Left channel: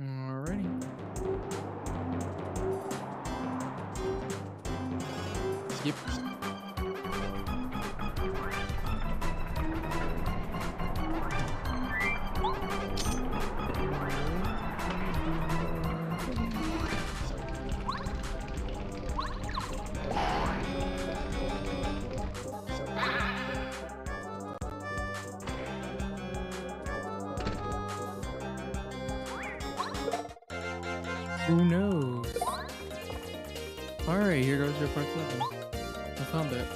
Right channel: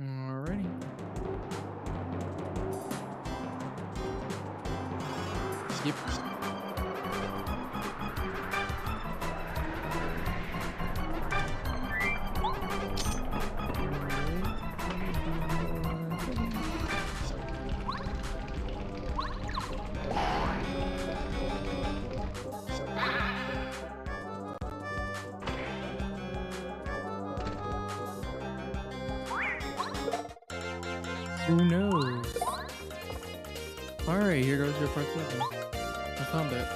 Alrighty. Skip. Who knows? Alright, here goes your part 7. I found it.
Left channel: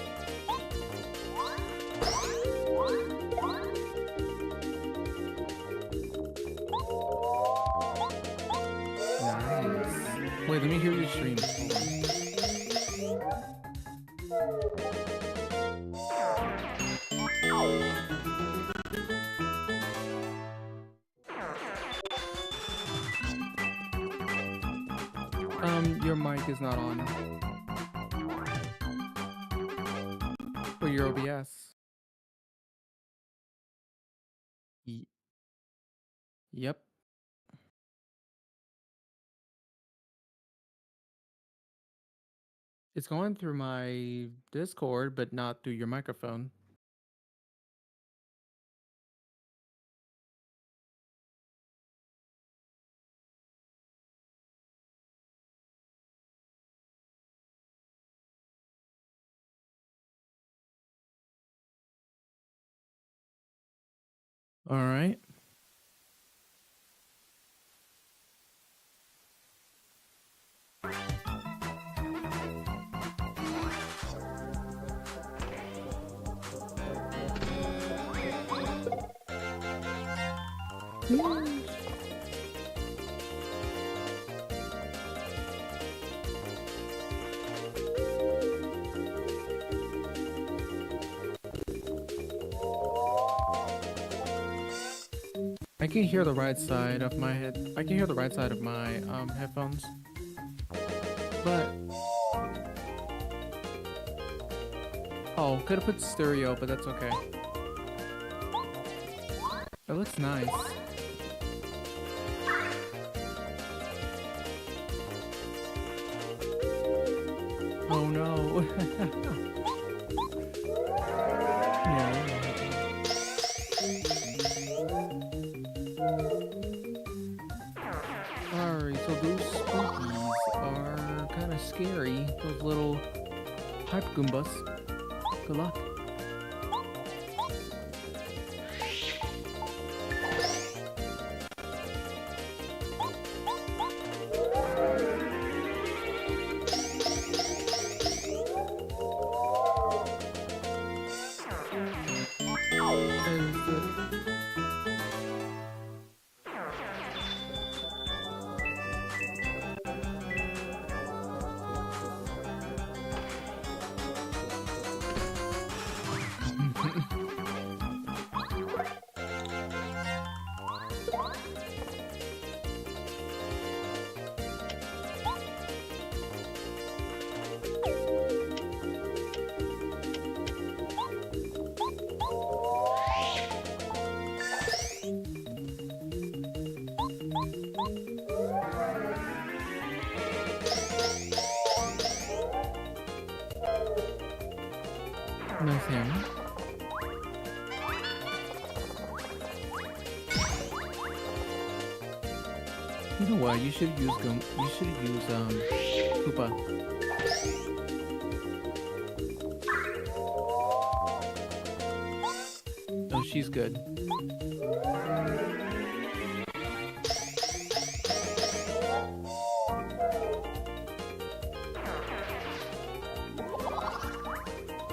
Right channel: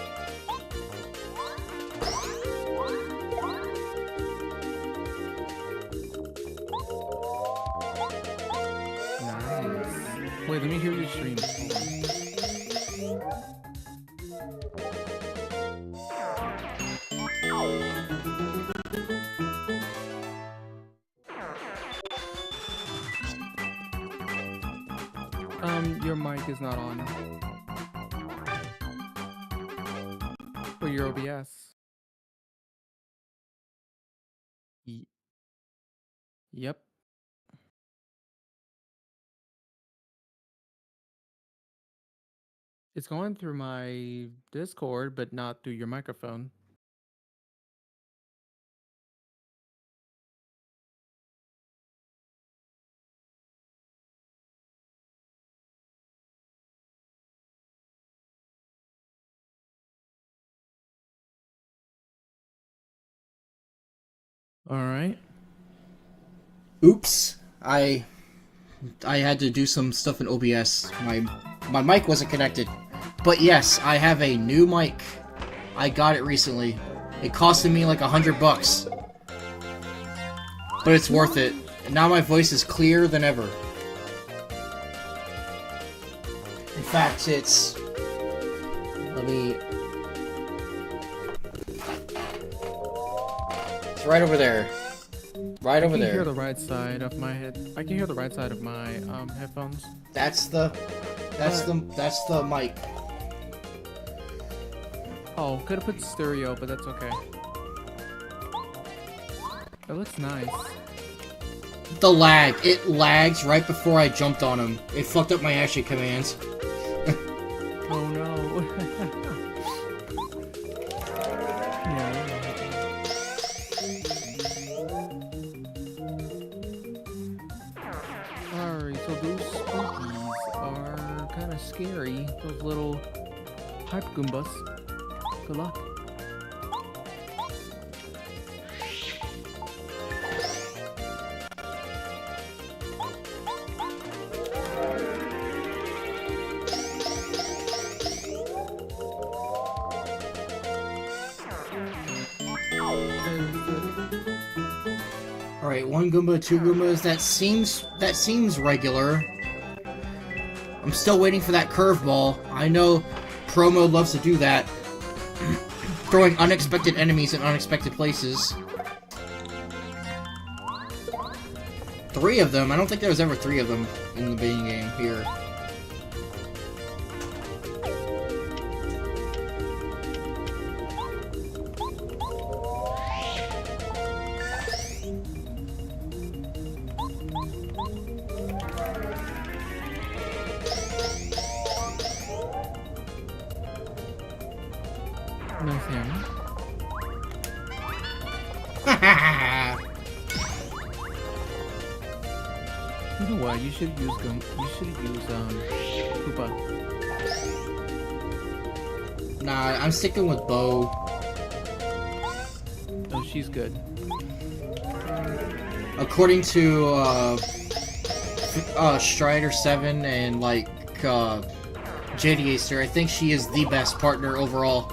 Nice. Wait, let me hear your stream. Your mic is not on. For your OBS. Yep. It's going through my Discord, but not through your microphone. All right. Oops. I had to do some stuff in OBS. My mic wasn't connected. But yes, I have a new mic. I got it recently. It costed me like $100. But it's worth it. Now my voice is clearer than ever. In fact, it's... Let me... It's right over there. Right over there. I can hear the right side of my head. I can hear the right side of my headphones. That's the mic. Oh, could have put stereo, but that's okay. It looks nice. The lag. It lags right before I jumped on him. It fucked up my action commands. Oh no. Yeah. Alright, so those spookies are kind of scary. Those little hype Goombas. Good luck. Alright, 1 Goomba, 2 Goombas. That seems regular. I'm still waiting for that curveball. I know Pro Mode loves to do that. Throwing unexpected enemies in unexpected places. 3 of them? I don't think there was ever 3 of them in the beginning game here. Nice hammer. You know what? You should use Koopa. Nah, I'm sticking with Bo. Oh, she's good. According to Strider 7 and like JD Acer, I think she is the best partner overall.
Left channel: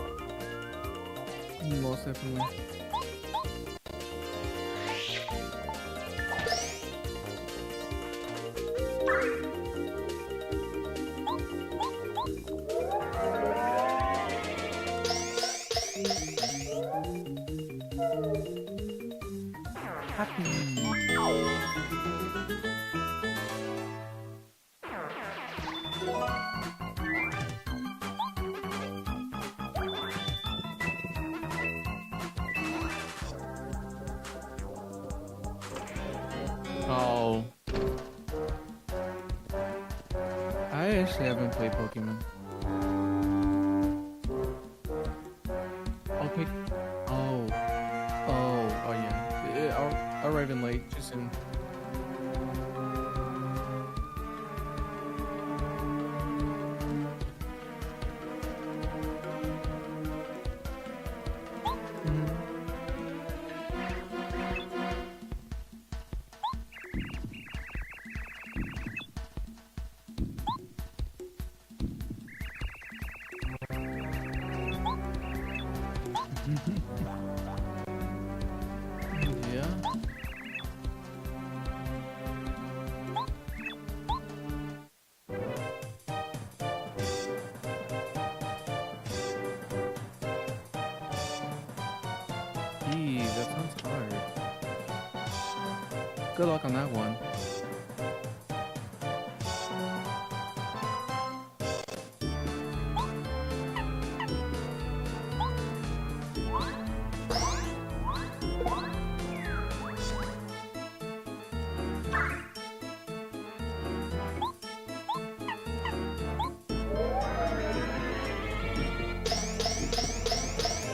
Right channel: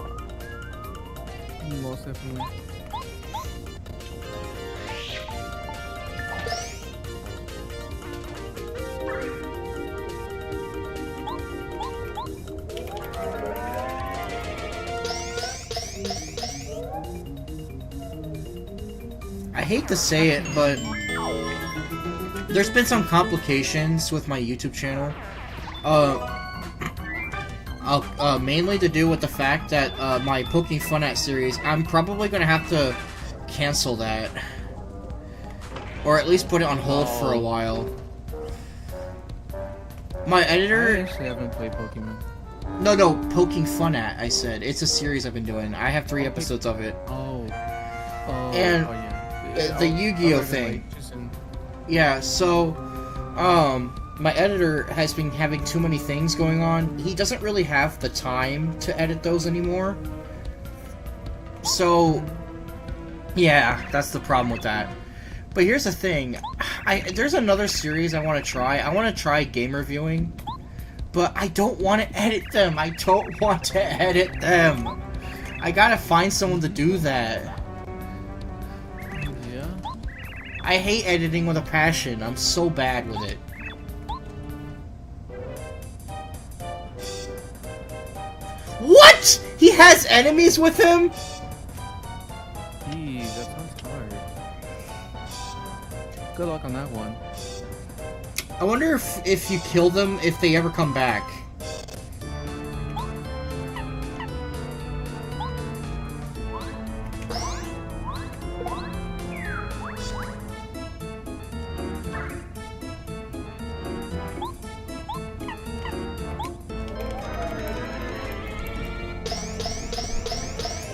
Most definitely. I hate to say it, but there's been some complications with my YouTube channel. mainly to do with the fact that my Poking Funat series, I'm probably gonna have to cancel that, or at least put it on hold for a while. My editor. I actually haven't played Pokemon. No, Poking Funat. I said it's a series I've been doing. I have 3 episodes of it. Oh, And yeah. the Yu-Gi-Oh thing. Yeah, so, my editor has been having too many things going on. He doesn't really have the time to edit those anymore. So, yeah, that's the problem with that. But here's the thing. There's another series I want to try. I want to try game reviewing. But I don't want to edit them. I don't want to edit them. I gotta find someone to do that. Yeah? I hate editing with a passion. I'm so bad with it. What? He has enemies with him? Jeez, that sounds hard. Good luck on that one. I wonder if you kill them, if they ever come back.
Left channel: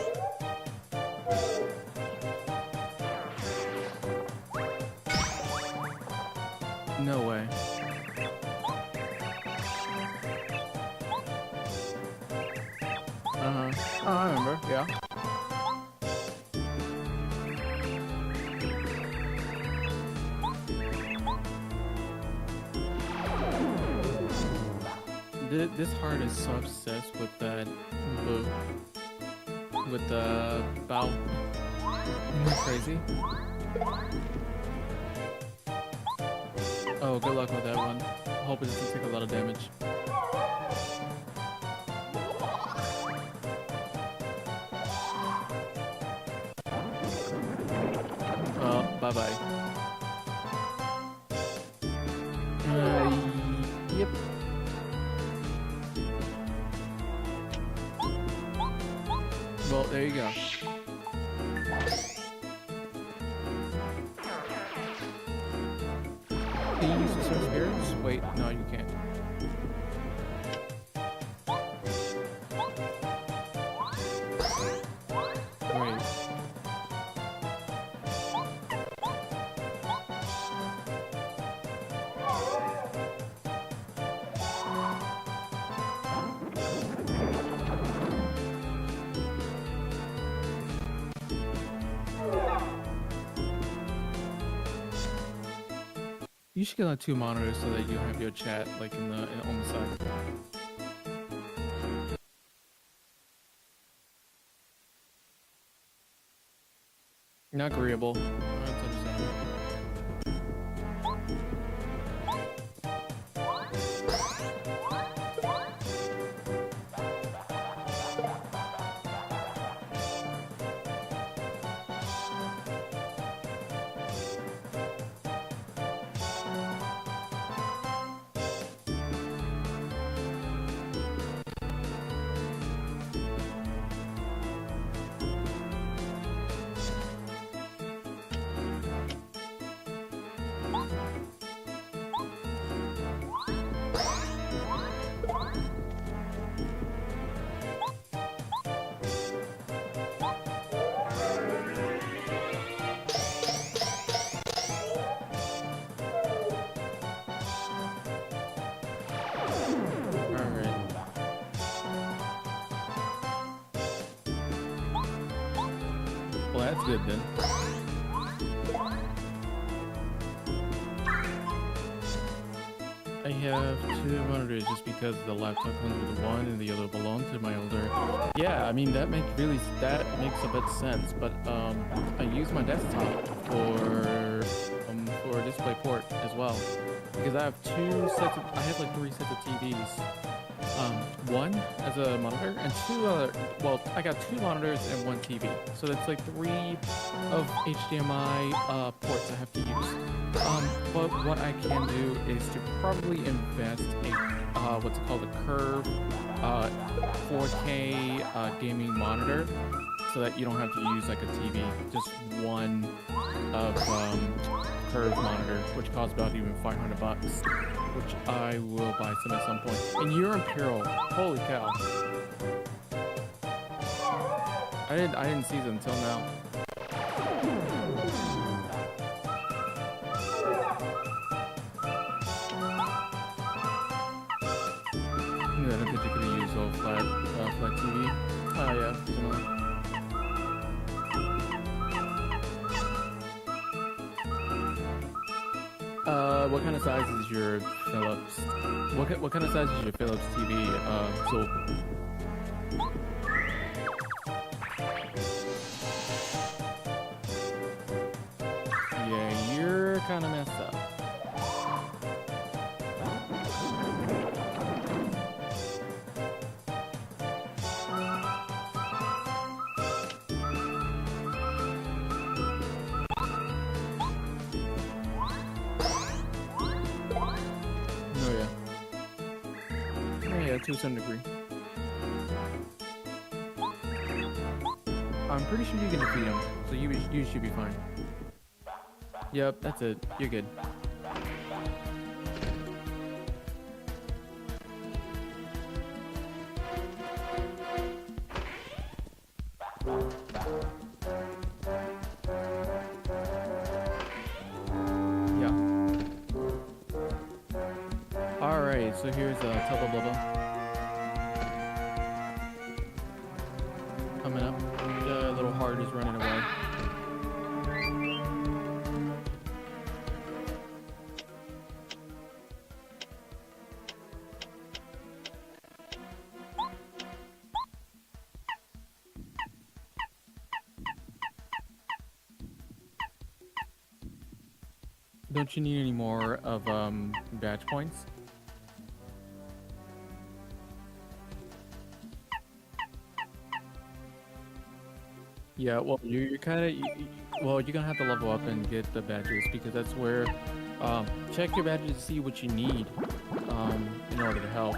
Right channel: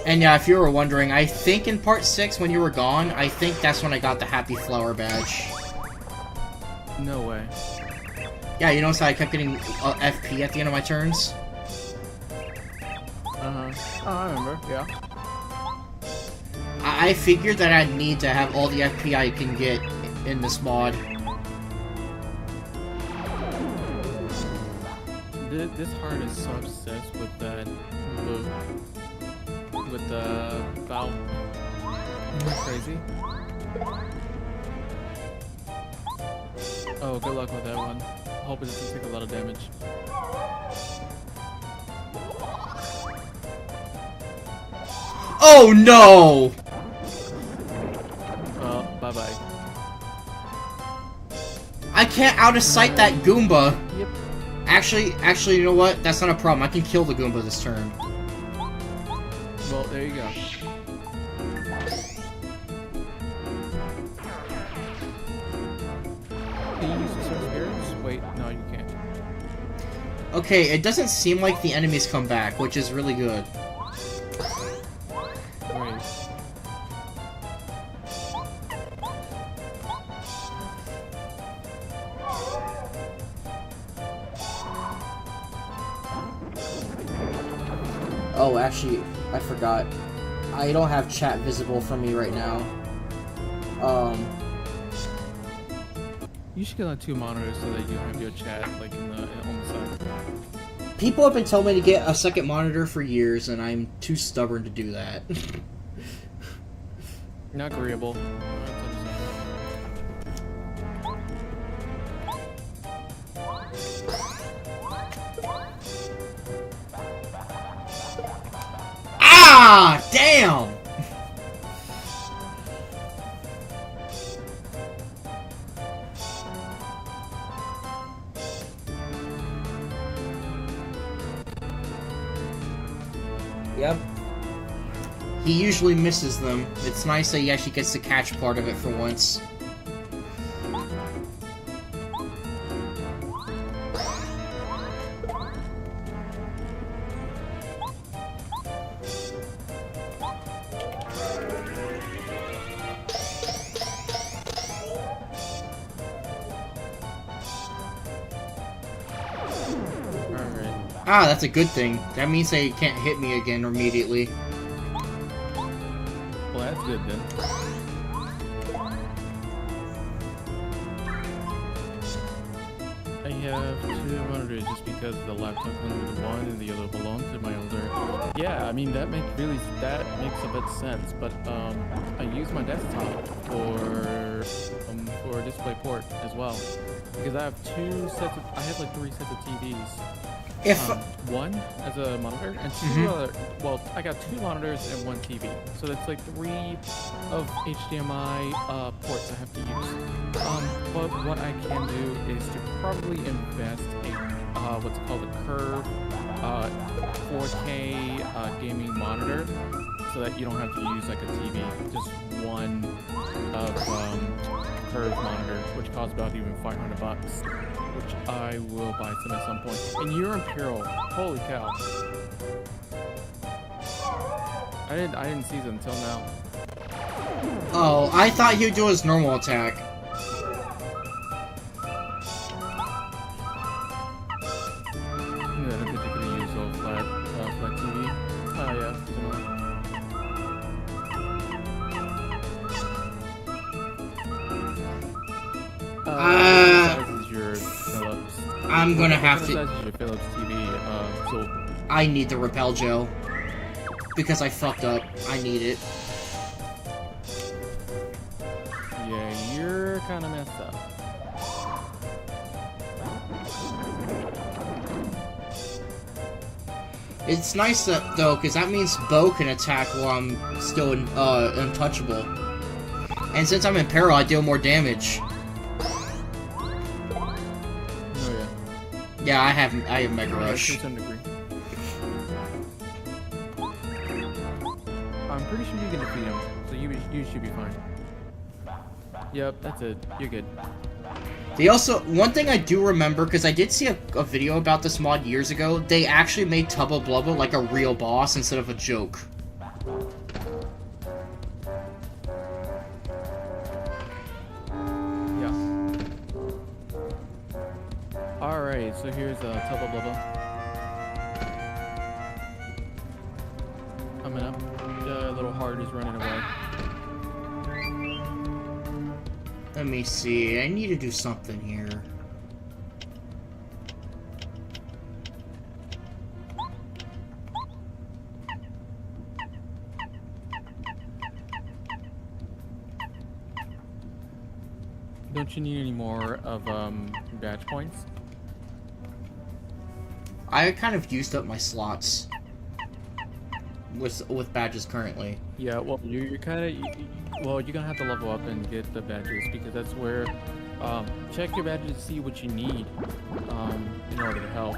And yeah, if you were wondering, I think in part 6 when you were gone, I think that's when I got the Happy Flower badge. No way. Yeah, you notice how I kept getting FP at the end of my turns? Uh-huh. Oh, I remember, yeah. I figured that I need to have all the FP I can get in this mod. This heart is so obsessed with that move. With the bow. Isn't that crazy? Oh, good luck with that one. Hope it doesn't take a lot of damage. Oh no! Well, bye-bye. I can't out of sight that Goomba. Yep. Actually, you know what? That's not a problem. I can kill the Goomba this turn. Well, there you go. Can you use the Sword Spirits? Wait, no, you can't. Okay, it doesn't seem like the enemies come back, which is really good. Right. Oh, actually, I forgot. I don't have chat visible for me right now. You should get like 2 monitors so that you have your chat like on the side. People have been telling me to get a second monitor for years, and I'm too stubborn to do that. Not agreeable. That's understandable. Ah! Damn! Yep. He usually misses them. It's nice that he actually gets to catch part of it for once. Ah, that's a good thing. That means they can't hit me again immediately. Well, that's good then. I have 2 monitors just because the laptop comes with one and the other belongs to my older. Yeah, I mean that makes a bit sense. But I use my desktop for a display port as well because I have 2 sets. I have like 3 sets of TVs. If One as a monitor and two other. Well, I got two monitors and one TV, so that's like 3 of HDMI ports I have to use. But what I can do is to probably invest a what's called a Curve 4K gaming monitor, so that you don't have to use like a TV. Just one of Curve monitor, which costs about even $500, which I will buy at some point. And you're Imperial, holy cow! I didn't see it until now. oh, I thought he'd do his normal attack. Yeah, I don't think you could use all flat TV. Oh yeah, definitely. What size is your Philips? I'm gonna have What to. kind of size is your Philips TV? So I need the repel gel because I fucked up. I need it. yeah, you're kind of messed up. It's nice that though, because that means Bo can attack while I'm still untouchable. And since I'm in peril, I deal more damage. Oh yeah. Yeah, I have Mega Yeah, Rush. to some degree. I'm pretty sure you can defeat him, so you should be fine. Yep, that's it. You're good. They also, one thing I do remember, because I did see a video about this mod years ago, they actually made Tubba Blubba like a real boss instead of a joke. Yeah. Alright, so here's Tubba Blubba. Coming up. The little heart is running away. Let me see, I need to do something here. Don't you need any more of badge points? I kind of used up my slots with badges currently. Yeah, well, you're kind of, well, you're gonna have to level up and get the badges, because that's where, check your badges to see what you need, in order to help.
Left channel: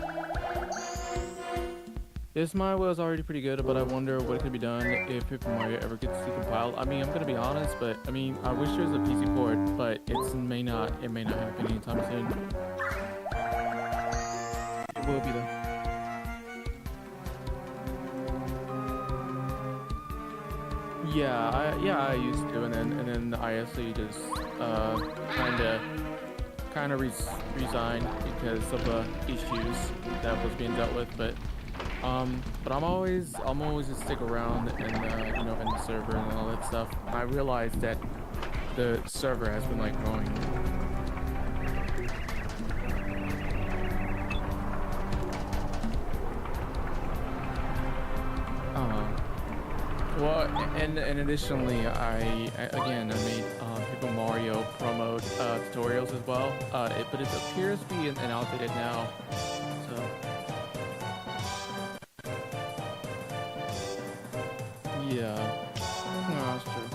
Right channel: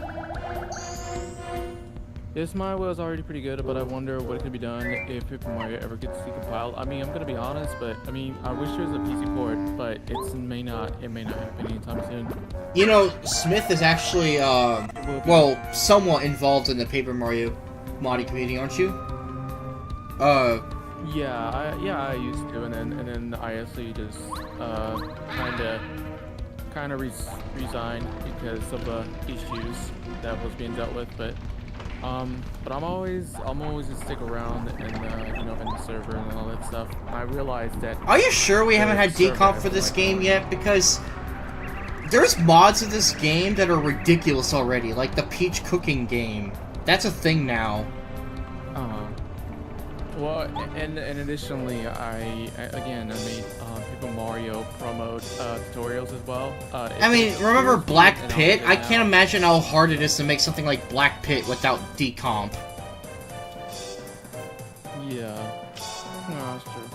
This mod was already pretty good, but I wonder what could be done if Paper Mario ever gets decompiled. I mean, I'm gonna be honest, but I mean, I wish there was a PC port, but it may not happen anytime soon. You know, Smith is actually, It will be. well, somewhat involved in the Paper Mario modding community, aren't you? Yeah, I used to, and then I actually just kind of resigned because of the issues that was being dealt with. But I'm always just stick around and you know, in the server and all that stuff. I realized that. Are you sure we haven't had server decomp has for been, this like, game going. yet? Because there's mods of this game that are ridiculous already, like the Peach cooking game. That's a thing now. Well, and additionally, I made Paper Mario promo tutorials as well. I mean, remember Black Pit? I can't imagine how hard it is to make something like Black Pit without decomp. Yeah, no, that's true.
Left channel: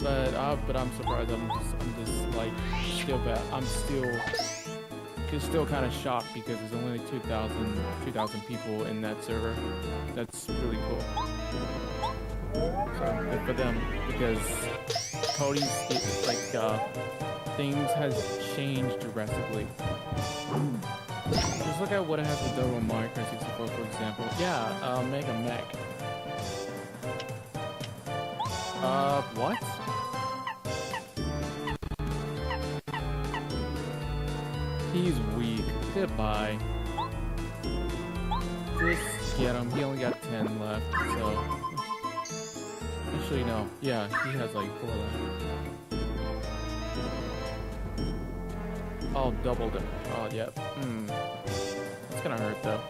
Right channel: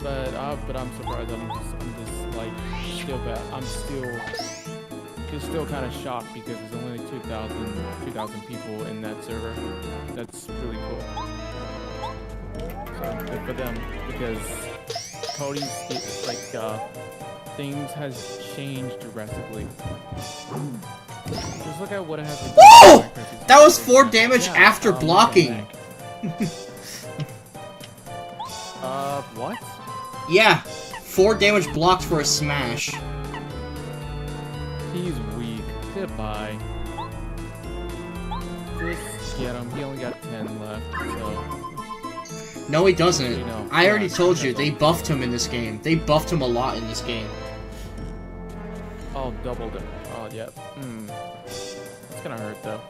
But I'm surprised. I'm just like still bad. I'm still kind of shocked because there's only like 2,000 people in that server. That's really cool. So good for them, because Cody's things has changed drastically. Just look at what it has to do. Whoa! with Minecraft. That was 4 damage Yeah, after look at blocking. Mac. What? Yeah, 4 damage blocked for a smash. He's weak. Goodbye. Just get him. He only got 10 left, so. No, he doesn't. Actually, no. I already Yeah, told he you, has they like buffed him in this game. They buffed him a lot in this game. Oh, doubled him. Oh, yep. It's gonna hurt, though.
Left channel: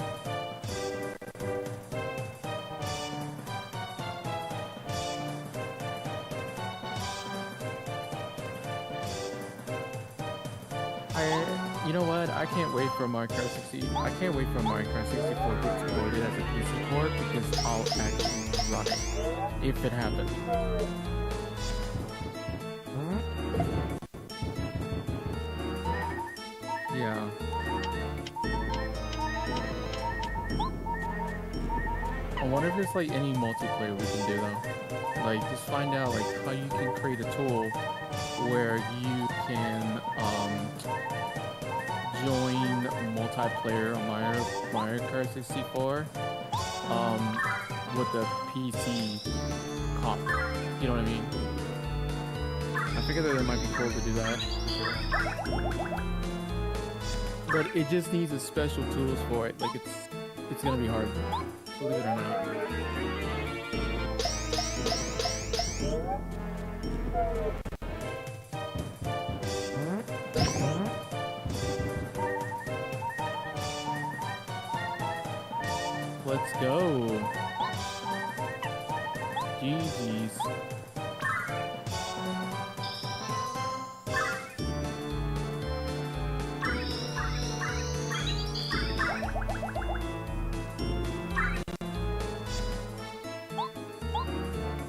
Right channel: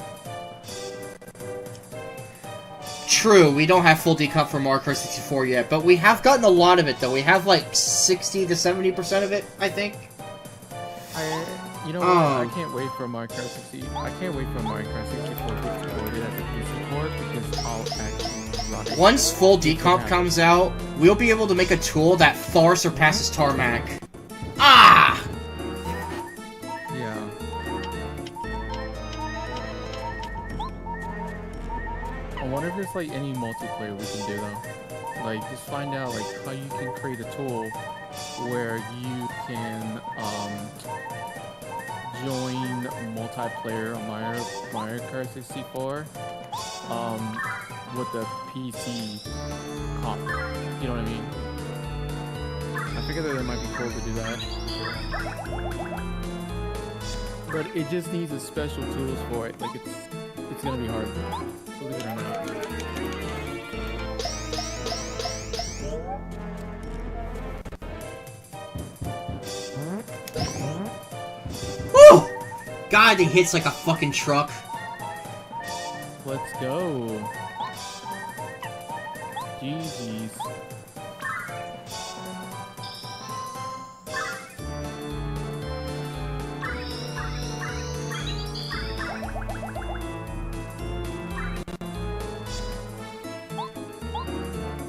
True, we don't have full decomp for Mario Kart 64 yet, but we have gotten a lot of it, though. We have like 60 to 70% of it, I think. You know what? I can't wait for Mario Kart 60. I can't wait for Mario Kart 64 to get supported as a PC port because I'll actually run it. Once full You can decomp have comes out, we'll be able to make a tool that far surpasses Tarmac. Ah! Yeah. I wonder if there's like any multiplayer we can do though. Like just find out like how you can create a tool where you can join multiplayer on Mario Kart 64 with the PC comp. You know what I mean? I figured that it might be cool to do that. But it just needs a special tools for it. Like it's gonna be hard. Believe it or not. Woo! God, it hits like a fucking truck. Let's go. GG's.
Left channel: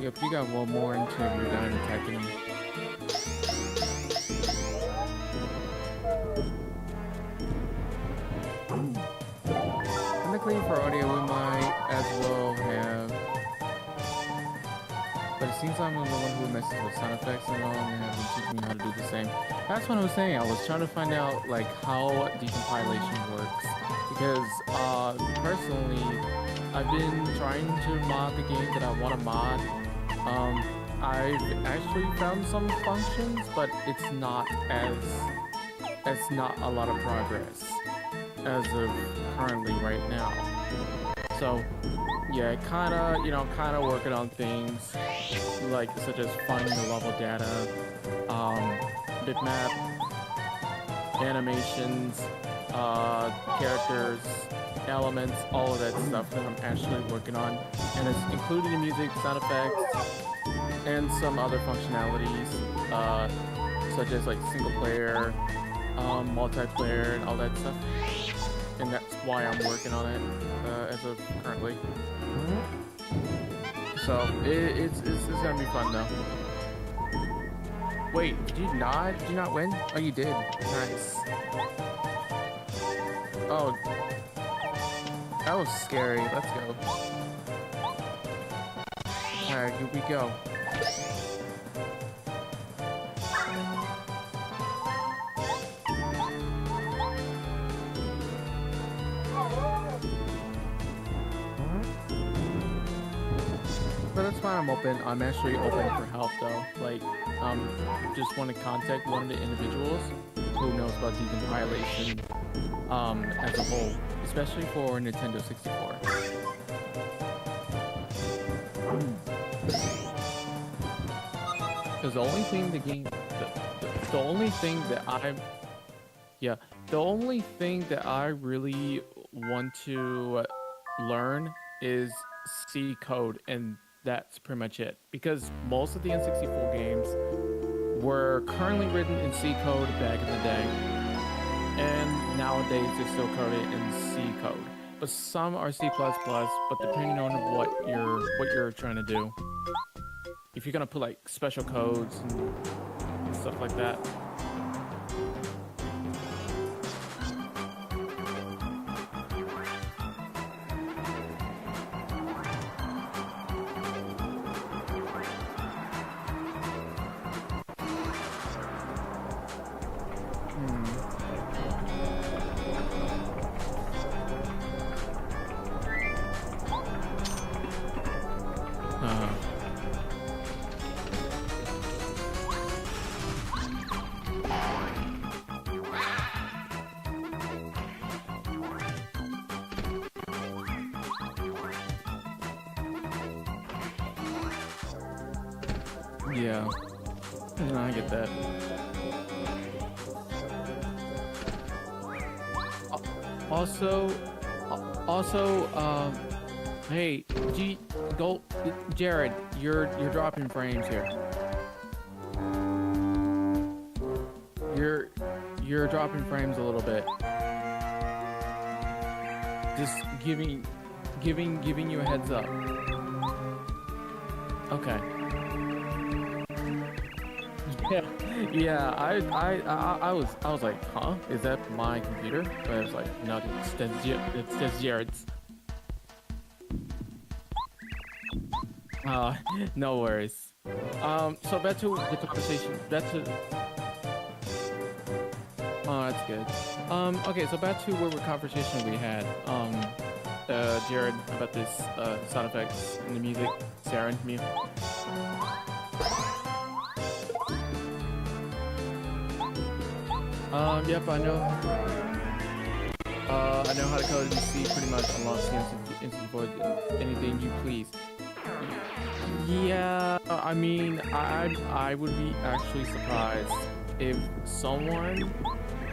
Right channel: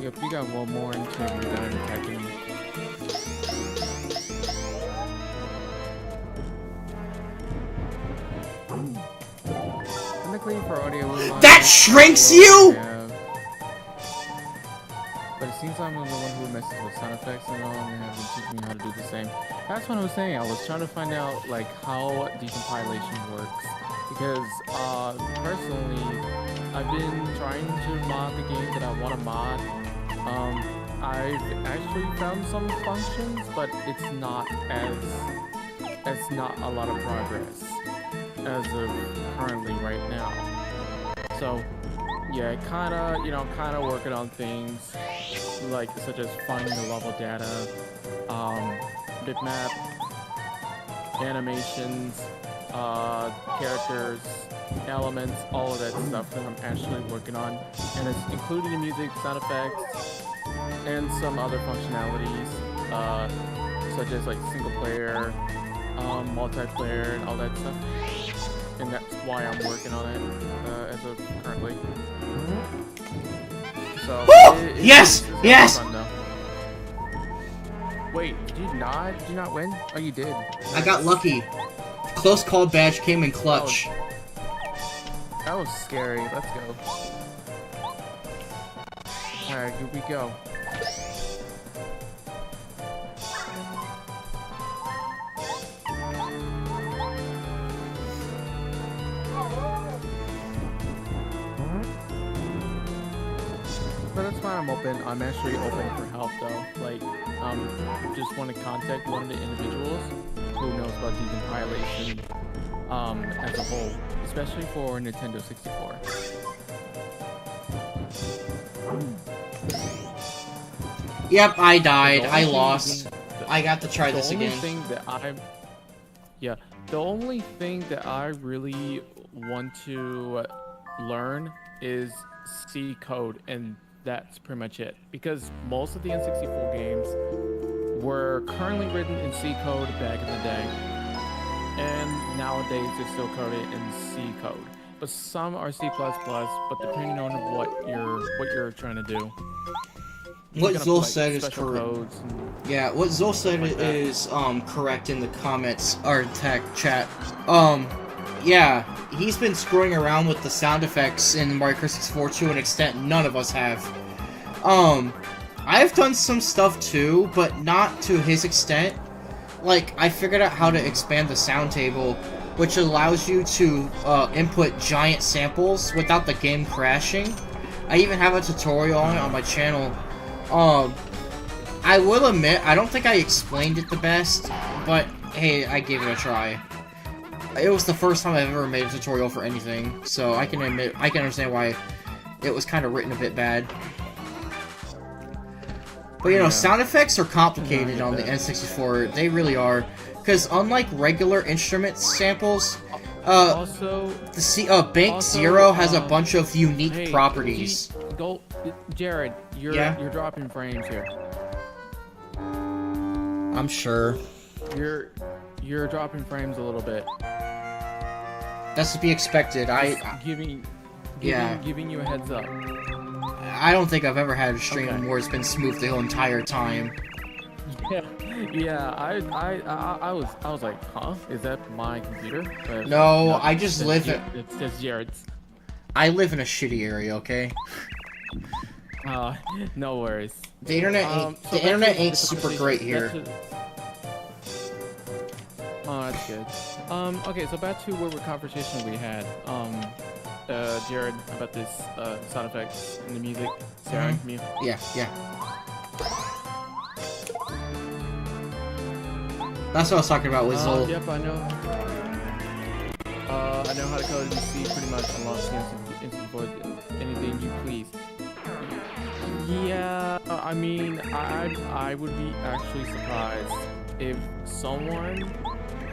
Yep, you got one more until you're done attacking me. Technically for audio, That shrinks you? But it seems I'm the one who messes with sound effects and all, and have been teaching me how to do the same. That's what I was saying. I was trying to find out like how decompilation works because personally, I've been trying to mod the game that I want to mod. I've actually found some functions, but it's not a lot of progress as of currently right now. So yeah, kinda working on things like such as finding the level data, bitmap, animations, characters, elements, all of that stuff that I'm actually working on, and it's including music, sound effects, and some other functionalities, such as like single player, multiplayer, and all that stuff. And that's why I'm working on it as of currently. So Yes! Yes! Fun, though. Wait, did you not win? Oh, you did. I got lucky. Close call badge came in clutch. That was scary. Let's go. Alright, here we go. But that's why I'm open. I'm actually open for help though. Like, just want to contact one of the individuals who knows about decompilation as a whole, especially for Nintendo 64. Yep, I died. The I only lost. thing- I got to try this The only again. thing that the only thing that I really want to learn is C code, and that's pretty much it. Because most of the N64 games were currently written in C code back in the day, and nowadays they're still coded in C code. But some are C++, but depending on what you're trying to do. If What you're gonna Zul put, like, said is special correct. codes. Yeah, what Zul said like that. is correct in the comments or tech chat. Yeah, he's been screwing around with the sound effects in Mario Kart 64 to an extent none of us have. I've done some stuff too, but not to his extent. Like, I figured out how to expand the sound table, which allows you to input giant samples without the game crashing. I even have a tutorial on it on my channel. I will admit, I don't think I explained it the best, but hey, I gave it a try. It was the first time I've ever made a tutorial for anything, so I can understand why it was kind of written a bit bad. But you know, Yeah. sound effects are No, I complicated get on the that. N64. They really are, because unlike regular instrument samples, Also, Bank also, Zero has a bunch of unique hey, properties. Jared, Yeah? you're dropping frames here. I'm sure. you're dropping frames a little bit. That's to be expected. Just giving you a heads up. I don't think I've ever had a stream Okay. where it's been smooth the whole entire time. Yeah. I was like, huh? Is that my computer? But No, I just that's live It's just Jared's. I live in a shitty area, okay? No worries. The internet ain't, So the back internet to ain't the super conversation. great here. Oh, that's good. Okay, so back to what conversation we had. Jared, about this sound effects and the music. Sarah, me. Yeah. That's what I was talking about with Zoe. Yep, I know. I know how to code in C pretty much. Unlock instant voice, anything you please. Yeah, I mean, I would be actually surprised if someone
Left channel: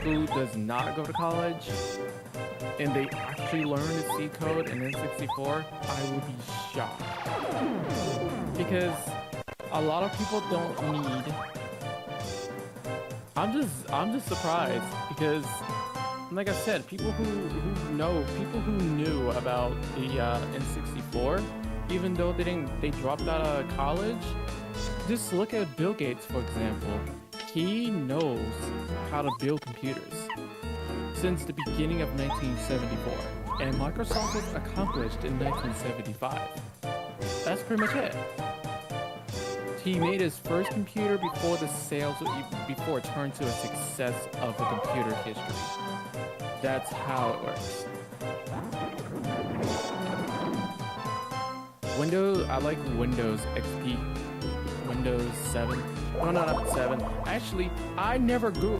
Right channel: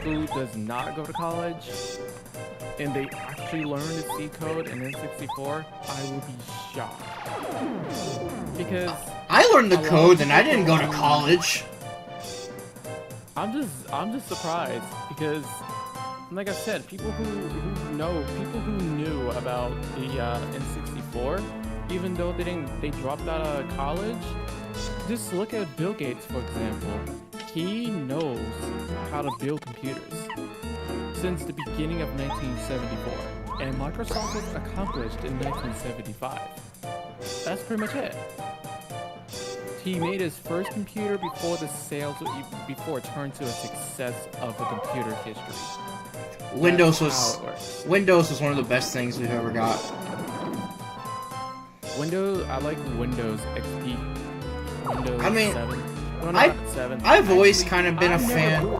who does not go to college and they actually learn to C code in N64, I would be shocked. Because I learned the a lot code of and I people didn't go to don't- college. I'm just surprised because, like I said, people who knew about the N64, even though they dropped out of college. Just look at Bill Gates, for example. He knows how to build computers since the beginning of 1974, and Microsoft was accomplished in 1975. That's pretty much it. He made his first computer before it turned to a success of the computer history. Windows That's how was it works. Windows was one of the best things we've ever got. I like Windows XP. Windows I mean, 7. No, I've- not 7. I've always Actually, kind of been a I've never fan. grew-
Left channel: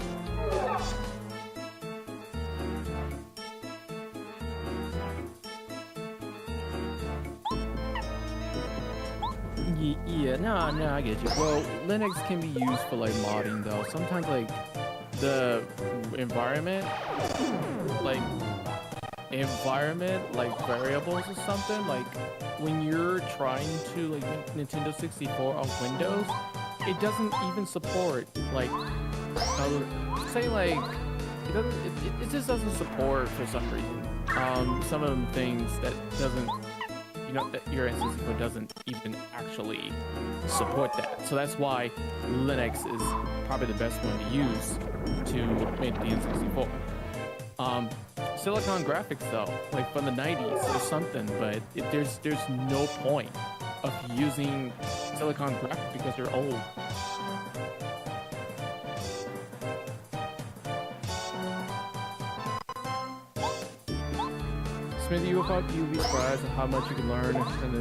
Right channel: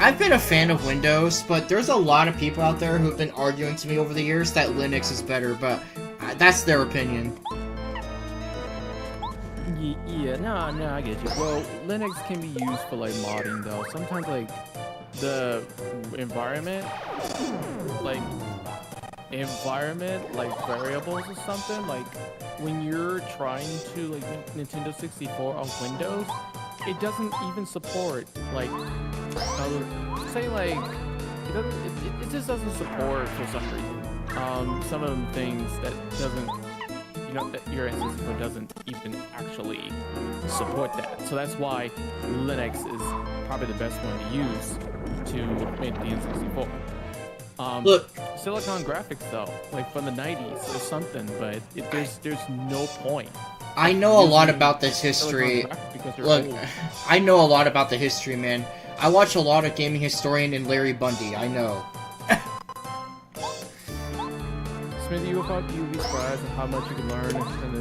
I've been a fan of Windows, but there's a lot of people out there who've been arguing to me over the years that Linux is better, but that's their opinion. Yeah, no, I get you. Well, Linux can be used for like modding though. Sometimes like the environment, like variables or something, like when you're trying to like make Nintendo 64 on Windows, it doesn't even support like say like it just doesn't support for some reason. Some of them things that doesn't that your N64 doesn't even actually support that. So that's why Linux is probably the best one to use to make the N64. Look, Silicon Graphics though, like from the 90s or something, but there's no point. I know a lot using about this Silicon history. Graphics because they're Look, old. I know a lot about the history, man. I watch a lot of Gaming Historian and Larry Bundy. I know. Smithy, you'll be surprised at how much you can learn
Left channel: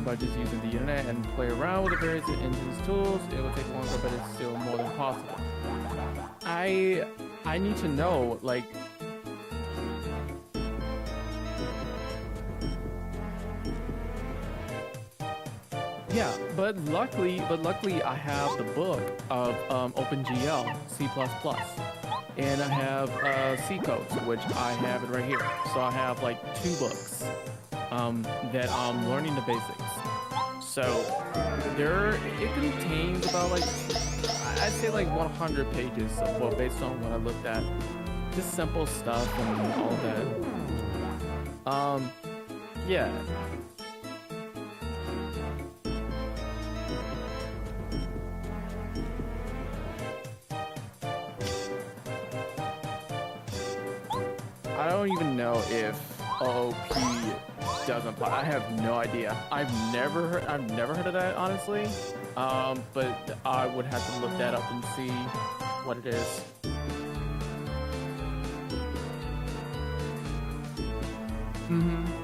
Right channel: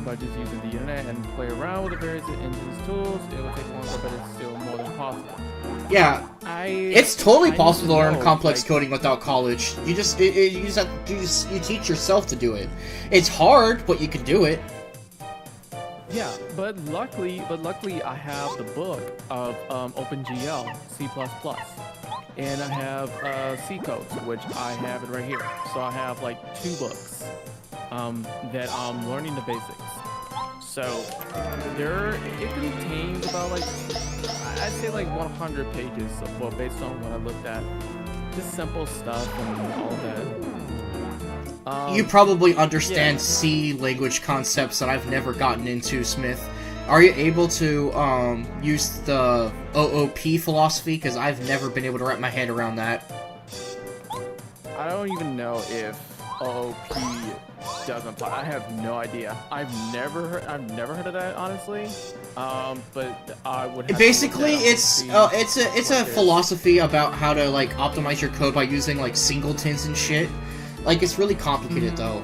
by just using the internet and play around with the various engines tools. It will take longer, but it's still more than possible. Yeah, it's totally possible to learn complex coding without college. You just you teach yourself to do it. It's hard, but you can do it. Yeah, but luckily I have the book of OpenGL C++, and I have C codes, which I have it right here. So I have like 2 books that I'm learning the basics. So it contains about like I'd say like 100 pages of well, based on what I looked at, just simple stuff and all that. You probably understand yeah. C language concepts that I've never gotten into, Smith. Are you able to use the OOP philosophy? Because I've never been able to wrap my head around that. I don't even know if OOP doesn't apply. I have no idea. I've never heard of that, honestly. But I would have Basically, to look that up and see it's what a it is. philosophy about how to like optimize your code by using like singletons and shit. Like it's really complicated though.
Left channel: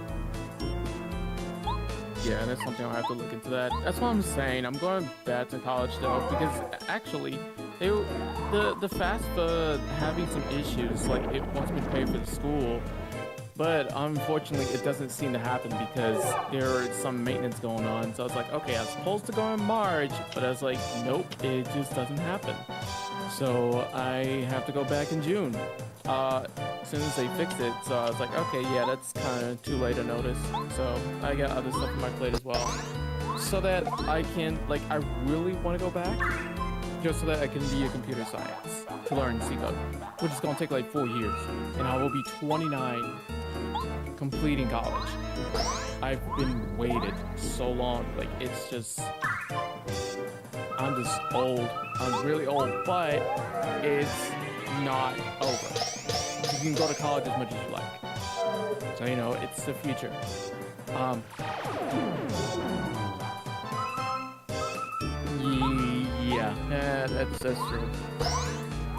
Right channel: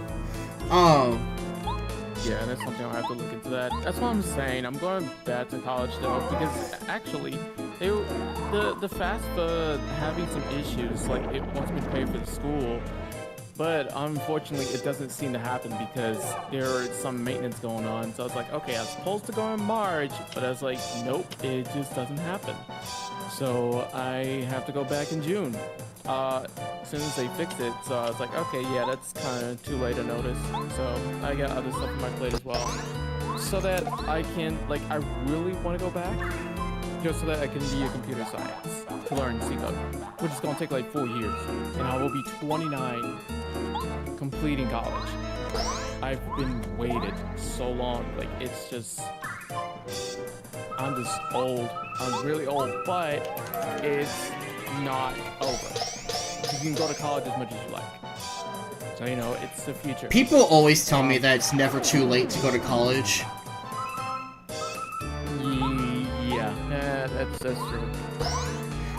Yeah, that's something I'll have to look into that. That's what I'm saying. I'm going back to college though, because actually, the FAFSA having some issues. Like it wants me to pay for the school, but unfortunately, it doesn't seem to happen because there is some maintenance going on. So I was like, okay, I was supposed to go in March, but I was like, nope, it just doesn't happen. So I have to go back in June. As soon as they fixed it, so I was like, okay, yeah, that's kind of too late a notice. So I got other stuff on my plate as well, so that I can, like, I really want to go back, just so that I can be a computer science to learn C code, which is gonna take like 4 years, and I will be 29 completing college. I've been waited so long, like it's just, I'm just old. I'm really old, but it's not over. You can go to college as much as you like. So, you know, it's the future. People always tell me that it's never too late to go to college. Yeah, that's true.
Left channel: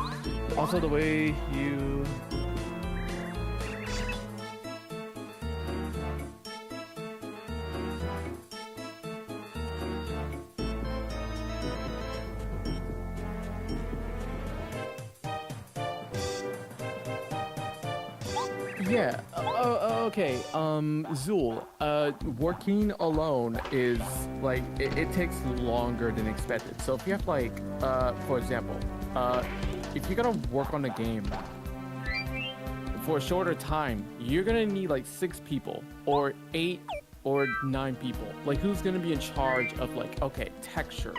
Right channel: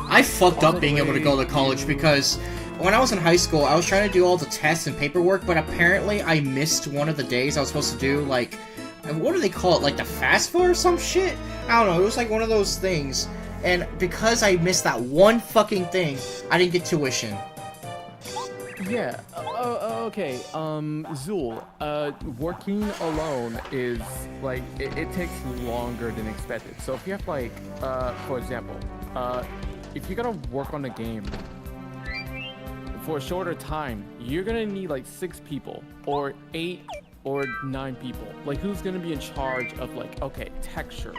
I fucked Also, up being the able to way go to college you- because when I was in high school, I was trying to do all the tests and paperwork, but apparently I missed one of the days I was supposed to do, like, what do they call it, like the FAFSA or some shit? I don't know, it was like one of those things. And because I missed that one fucking thing, I didn't get tuition. Yeah. Okay. Zool. Working alone is like it takes longer than expected. So if you have like, for example, if you're gonna work on a game for a shorter time, you're gonna need like 6 people or 8 or 9 people. Like who's gonna be in charge of like, okay, texture,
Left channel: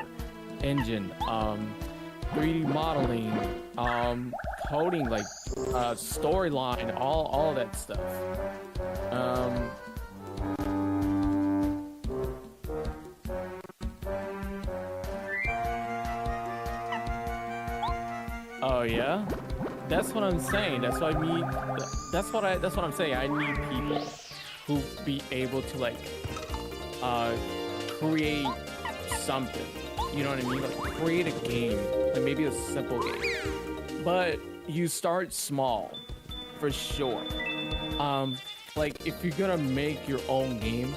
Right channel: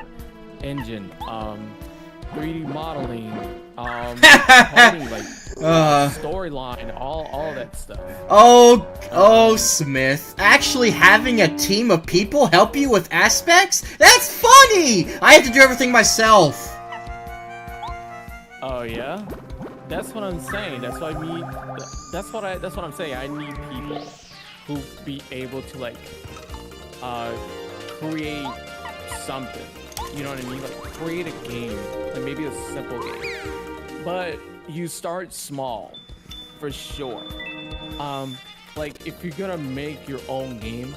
engine, 3D modeling, coding, like storyline, all that stuff. Oh, Smith. Actually having a team of people help you with aspects? That's funny! I have to do everything myself. Oh yeah, that's what I'm saying. That's what I mean. That's what I'm saying. I need people who be able to like create something. You know what I mean? Like create a game, like maybe a simple game. But you start small, for sure. Like if you're gonna make your own game,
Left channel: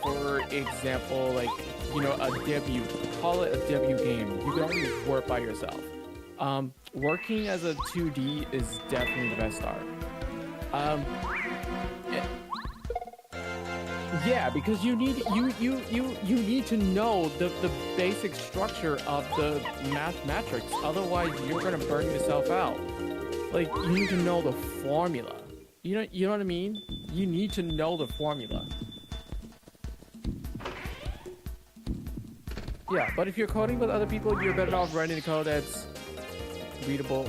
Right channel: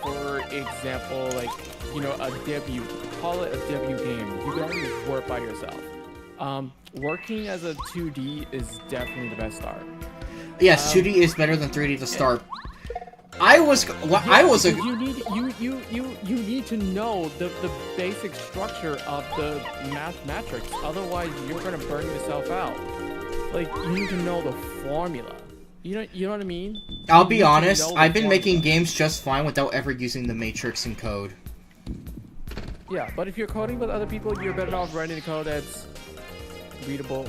for example, like you know a debut, call it a debut game. You can only work by yourself. Working as a 2D is definitely the best start. Yes, 2D is better than 3D to start. Because you need to know the basic structure of the mathematics. Otherwise, you're gonna burn yourself out. Like you need to know the formula. You know what I mean? I'll You be need to honest, know the I've been formula. making games just fine without ever using the matrix in code. Yeah, but if you're coding with other people, you're better off writing a code that's readable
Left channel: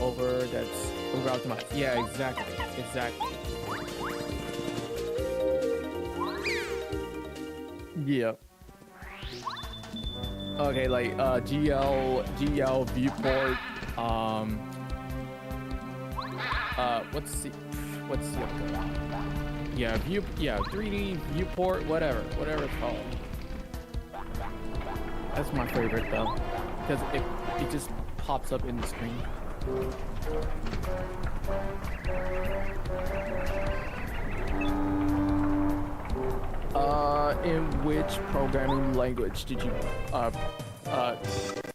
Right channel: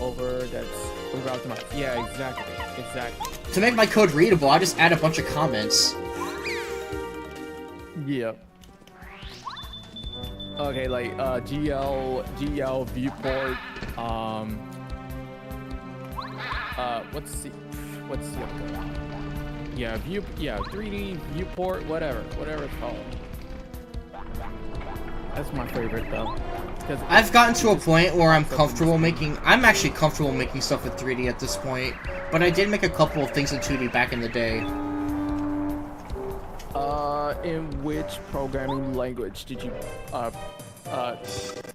that's optimized. Yeah, exactly. To make my code readable, I just add a bunch of comments. Yeah. Okay, like GL viewport. What's the other one? Yeah, 3D viewport, whatever it's called. That's my favorite though. Because I've gotten to a just point where I'm pops up in the comfortable screen. making. I'm actually comfortable making stuff with 3D at this point, but I did make a couple of things in 2D back in the day. In which programming language did you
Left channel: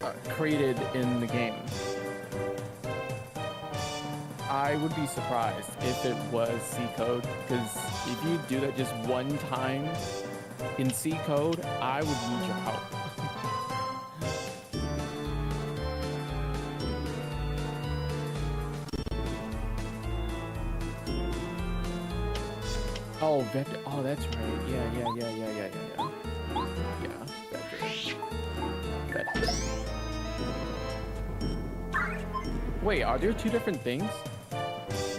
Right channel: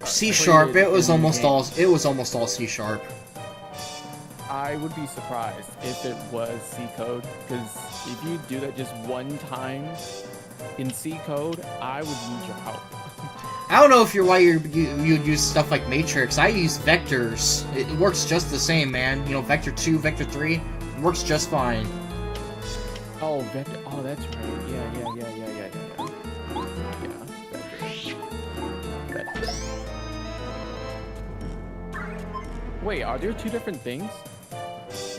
C#. created It was in the almost game? all. It was almost all C#. I would be surprised if it was C code, because if you do that just one time in C code, I would need your help. I don't know if you use stuff like Matrix. I use vectors. It works just the same, man. You know, Vector 2, Vector 3, it works just fine. Oh, vector. Oh, that's right. Yeah. Yeah, vector. Wait, are there 2 different things?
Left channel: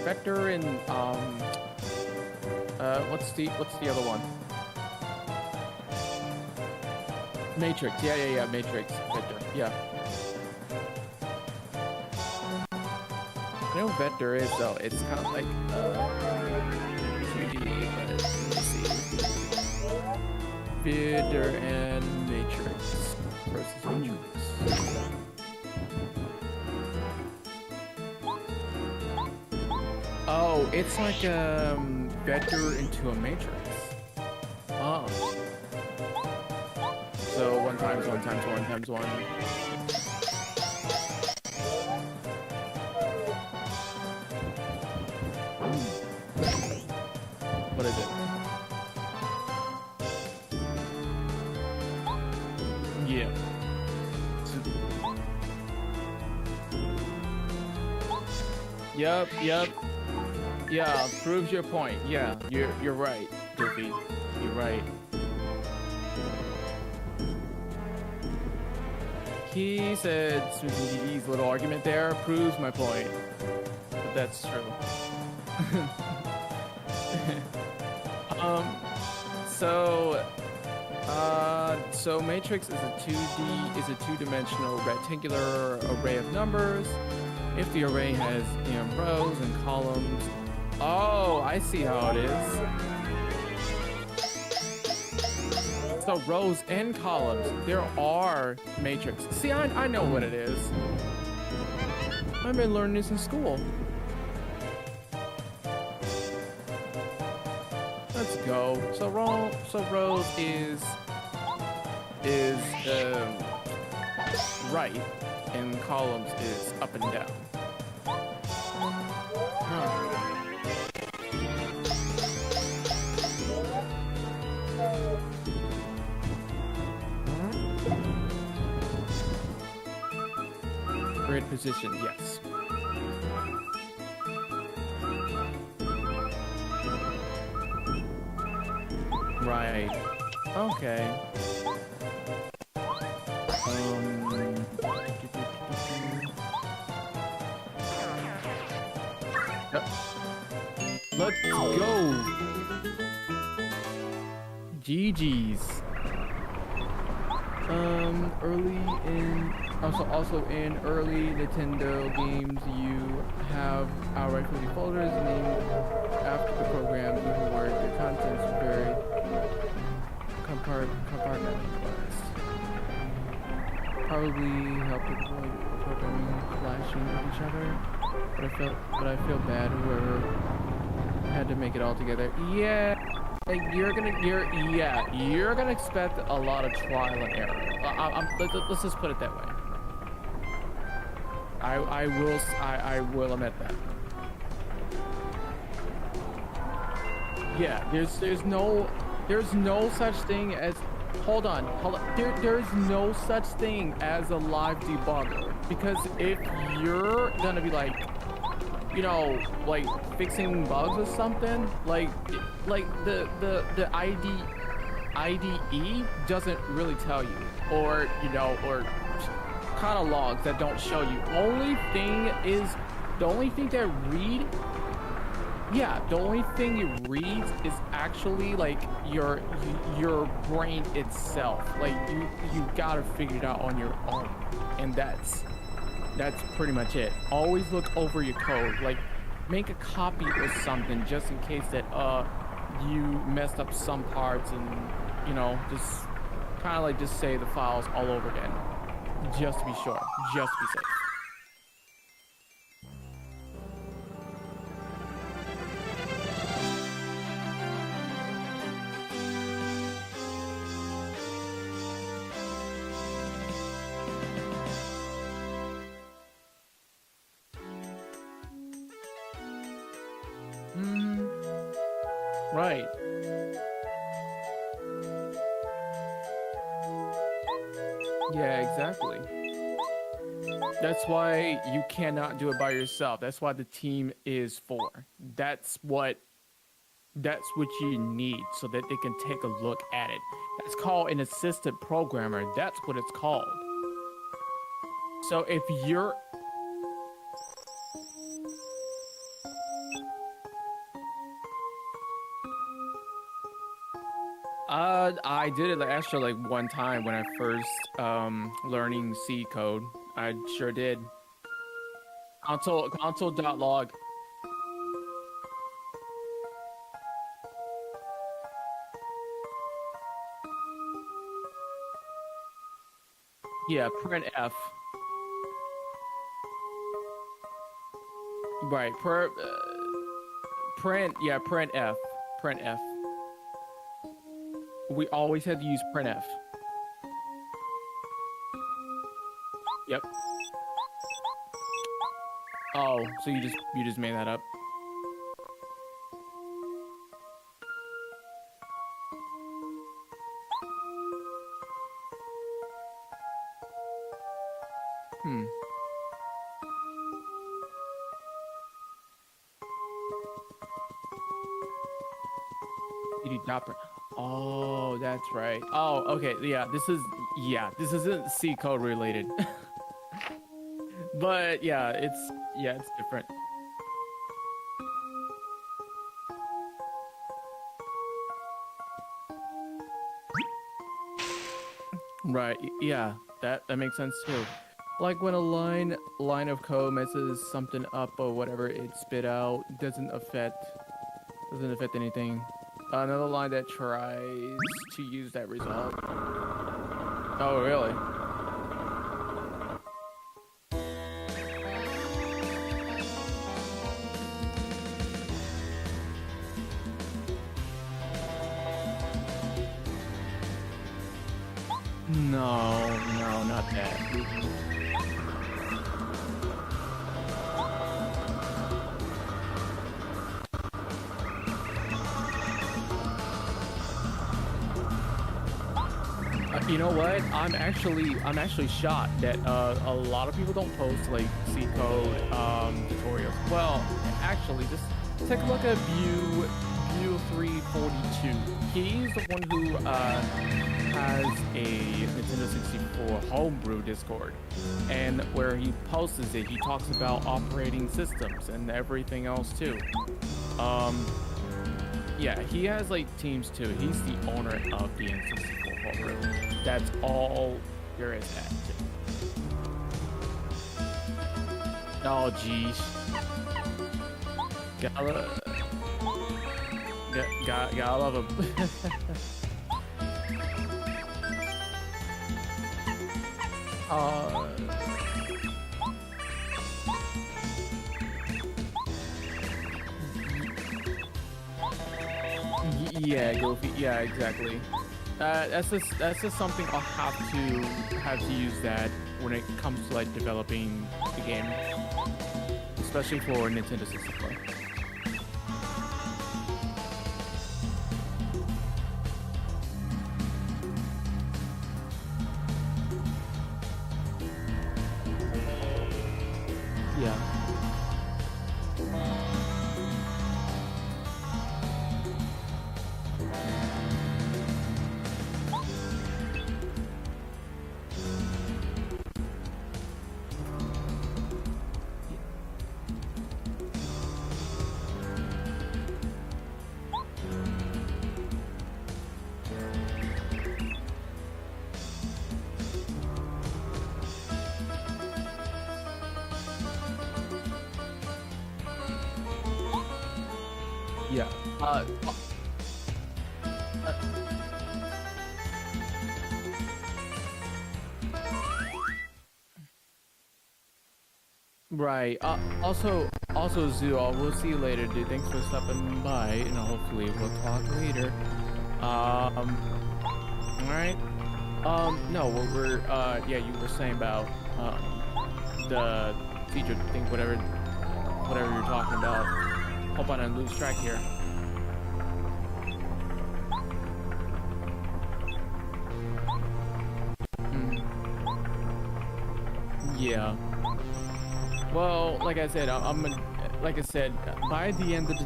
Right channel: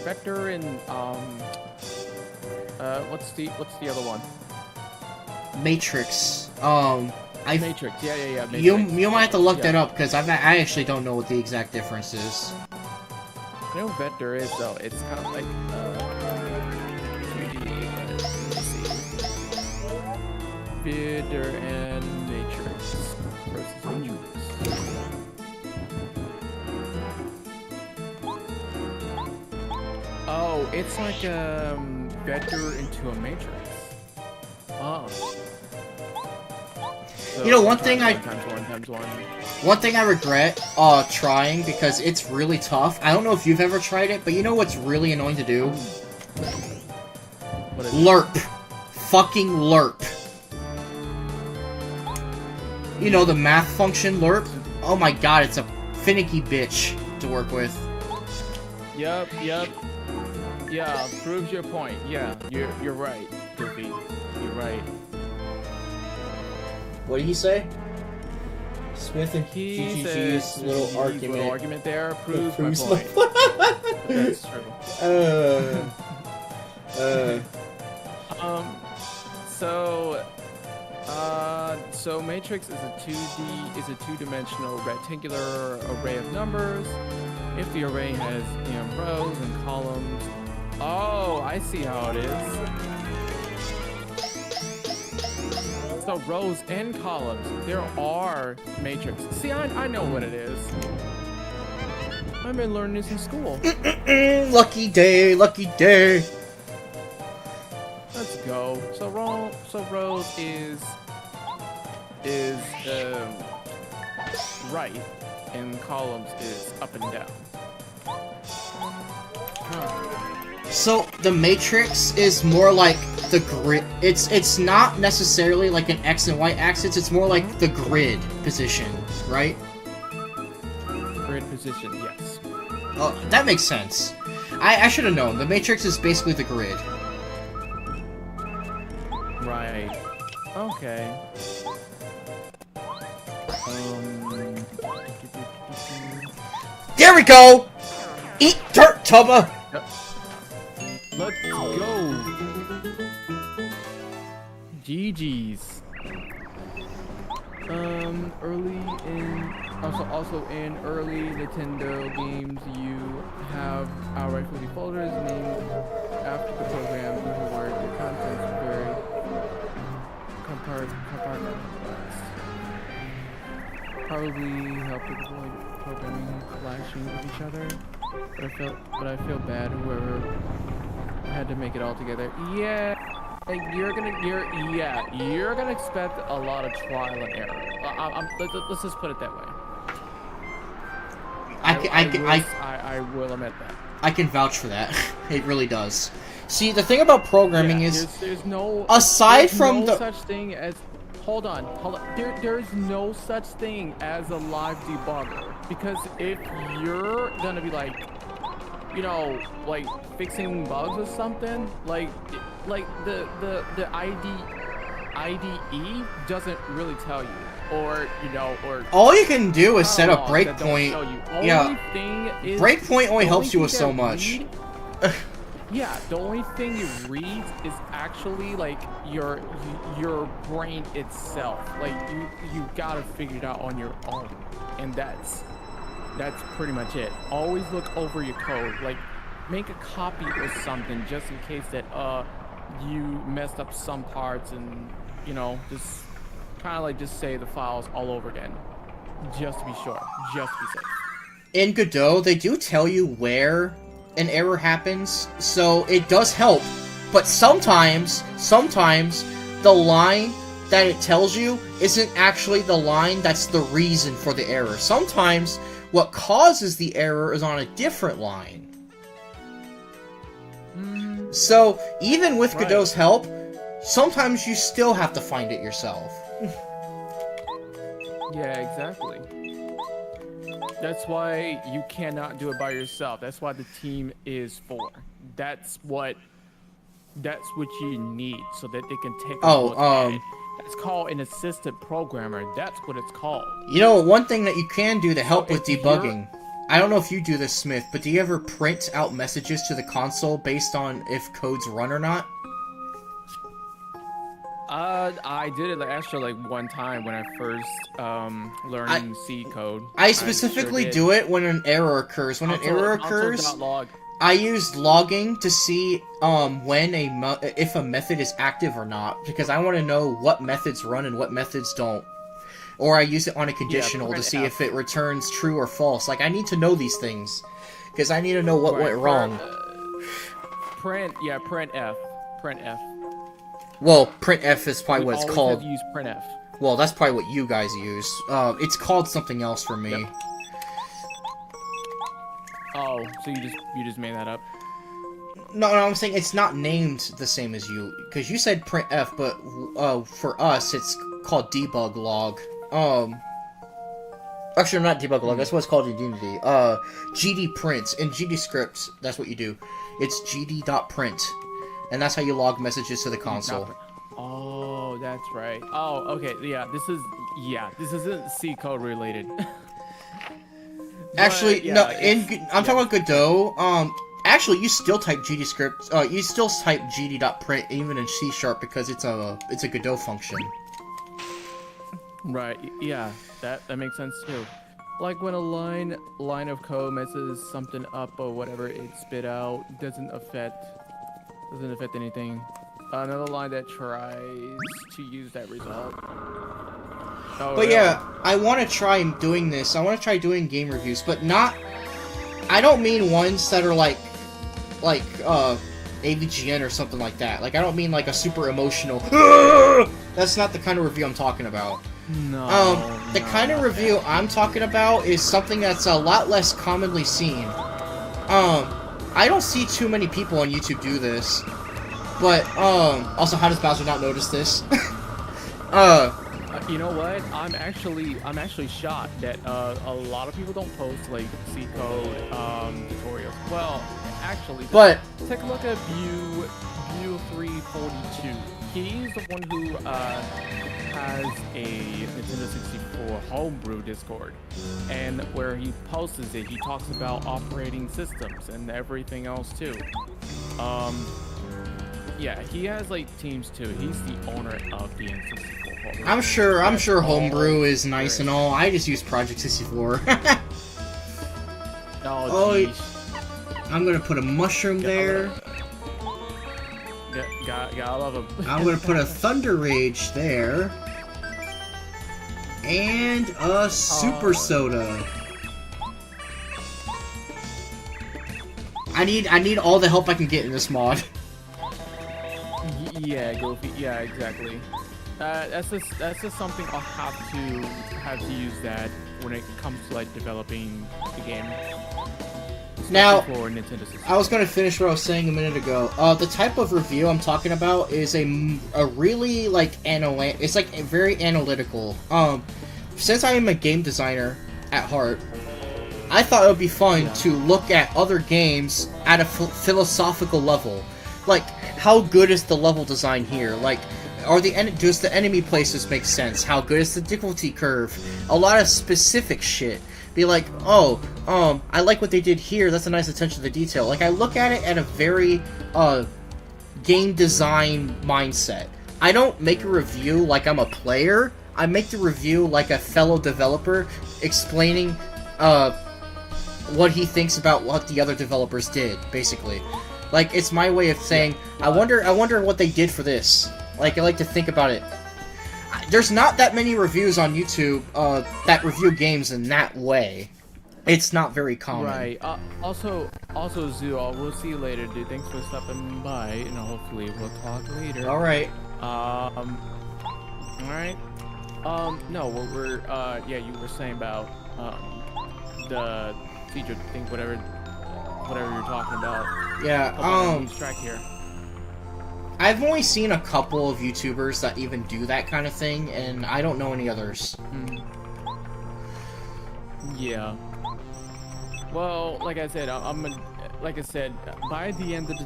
Vector and what's the other one? Matrix. Matrix. Yeah. Matrix. You might have to look Yeah. that up because I actually don't know what the exact difference is. You know what vector is though? It's kind of like 2D, but let's see. Vector and matrix versus matrix. Oh, it's like vector into a matrix. Oh. So You know, one thing I- 1 times 1 times 1. One thing I regret trying because it's really tough. I don't know if you've ever tried it, but you know what's really annoying to do? What is it? LERP. Fucking LERP. You know the math function LERP? Oh my god, it's a finicky bitch to work with. Yep. Yeah, proves your point. Yeah, you're right, Goofy. You're right. What did he say? Smith and He GG's says little argument there proves my point. But that's true. So Matrix is a two-dimensional rectangular array of numbers. If the array has rows and columns, oh, I see how it is. So rows and columns, there are matrix. See, I know what it is. I've been learning this in school. Lucky day, lucky day. Let's go. So rows is right, and columns is up and down. Huh. So the matrix is more like the grid. It's not necessarily like an X and Y axis. It's more like the grid position, right? Grid position, yes. Oh, that makes sense. I should have known. The matrix is basically the grid. Right. Okay. There we go! Eat dirt, Tubba! Let's go! GG's. Also in early Nintendo games, you have rightfully folders named after the programs where the contents are very compartmentalized. Probably help to avoid programming clashing with each other, but I feel bad whoever had to make it all together. Yeah. Like you're gonna expect a lot of trial and error. Let's just put it that way. I will admit that. I can vouch for that. It really does. See, the thing about programming is there's no such thing as hold on. There's no such thing as a live debugger, because if you're gonna be like fixing bugs or something, like the IDE doesn't really tell you, or all you can do is set a breakpoint. Breakpoint only helps you with so much. Yeah, the only thing it reads is actually like your brain itself. Like you gotta figure it out on your own, and that's pretty much it. Always look over your code. Like, make a copy or something just in case that you messed up some parts, and just kind of like just save the files all over again, just to be sure, just to be safe. In Godot, they do tell you where an error happens, so it does help. But sometimes the line that it tells you isn't actually the line that's the reason for the error. Sometimes what causes the error is on a different line. So, even with Godot's help, sometimes you still have to find it yourself. Yeah, exactly. That's why you cannot do it by yourself. That's why the team is for. That's what you need, so that they can take a look at it. That's called an assistant programmer. That's what it's called. One thing that you can do to help with debugging, I don't know if you do this, Smith, but do you ever print out messages to the console based on if codes run or not? I did it actually one time when I first learning C code. I specifically do it when an error occurs. When an error occurs, console.log. I use logging to see if a method is active or not, because I want to know what methods run and what methods don't. Or I use it on a conditional to see if it returns true or false. Like, I need to know these things, because I need to know what went wrong. Print F. Well, printf is probably what it's called. We always have to use printf. Well, that's probably what you guys use. It's called something else for me. Yep. Oh, so you just made that up? No, I'm saying it's not named the same as you, because you said printf, but for us it's called debug log. Actually, not debug log. That's what it's called in Unity. GD print in GD scripts. That's what you do. It's gd.print, and that's how you log messages to the console. Oh, Oh, that's right. Oh, okay. This isn't C code related. Actually, But, yeah, no. I'm yeah, talking about Godot. Actually, you still type GD script. You still type GD.print even in C# because it's a Godot function. right. Yeah, that makes sense too. Like when a line of code messes something up or whatever it spit out doesn't affect anything. Another line that tries to use that result. Oh, But really? yeah, I want to try doing this. I want to try doing game reviews, but not. I don't mean ones that are like AVGN or something like that. Like I don't mean like a super emotional. That's not the kind of review I'm talking about. No. The no, kind of not review that. I'm talking about is something that's a lot less commonly seen. I don't see too many people on YouTube do this. But, also, how does Bowser not notice this? You know what? I'm actually shocked that a lot of people don't post like C code tutorials. Well, actually, But, take a look at View 342. He's the one who has a Nintendo 64 homebrew Discord, and where he posts it, he talks about operating systems and everything else too. Yeah, he has like teams too. He's the owner of the N64 homebrew. I'm sure That's Homebrew all is nice there and is. all. I just use Project 64. Oh, Oh, jeez. I'm gonna put a mushroom there. Gotta love him. I'm gonna put a Thunder Rage there. And a Super Soda. I need all the help I can get in this mod. Yeah, Goofy. Yeah, exactly. That's just something I'll have to use that when it comes to like developing the game. Now, Especially for Nintendo 64. I was going to finish what I was saying a minute ago. The type of review I'm talking about is a really like it's like very analytical. Since I am a game designer at heart, I thought it would be fun to look at other games at a philosophical level. Like, how good is the level design here? Like, does the enemy places make sense? How good is the difficulty curve? A lot of specific shit. Be like, oh, I like what they did here. That's a nice attention to detail. Like, I look at it at a very game design mindset. I don't make a review like I'm a player. I make the review like a fellow developer explaining what he thinks about what the other developers did, basically. Like, it's my way of saying, I wonder what they did for this. Like, I like to think about it. There's not that many reviews on YouTube that review games in that way. It's not very common. Right. Also, Zoo, we'll see you later, dude. Thanks for stopping by, and hopefully we'll talk later. Alright. Alright. No, what we're, yeah, you were saying about, the feature thing, whatever you're talking about. Yeah, Hope I didn't lose track here. I've only seen a couple of YouTubers that even do that kind of thing, and I don't know any others. Yeah. Well, like I said, like I said, by the end of the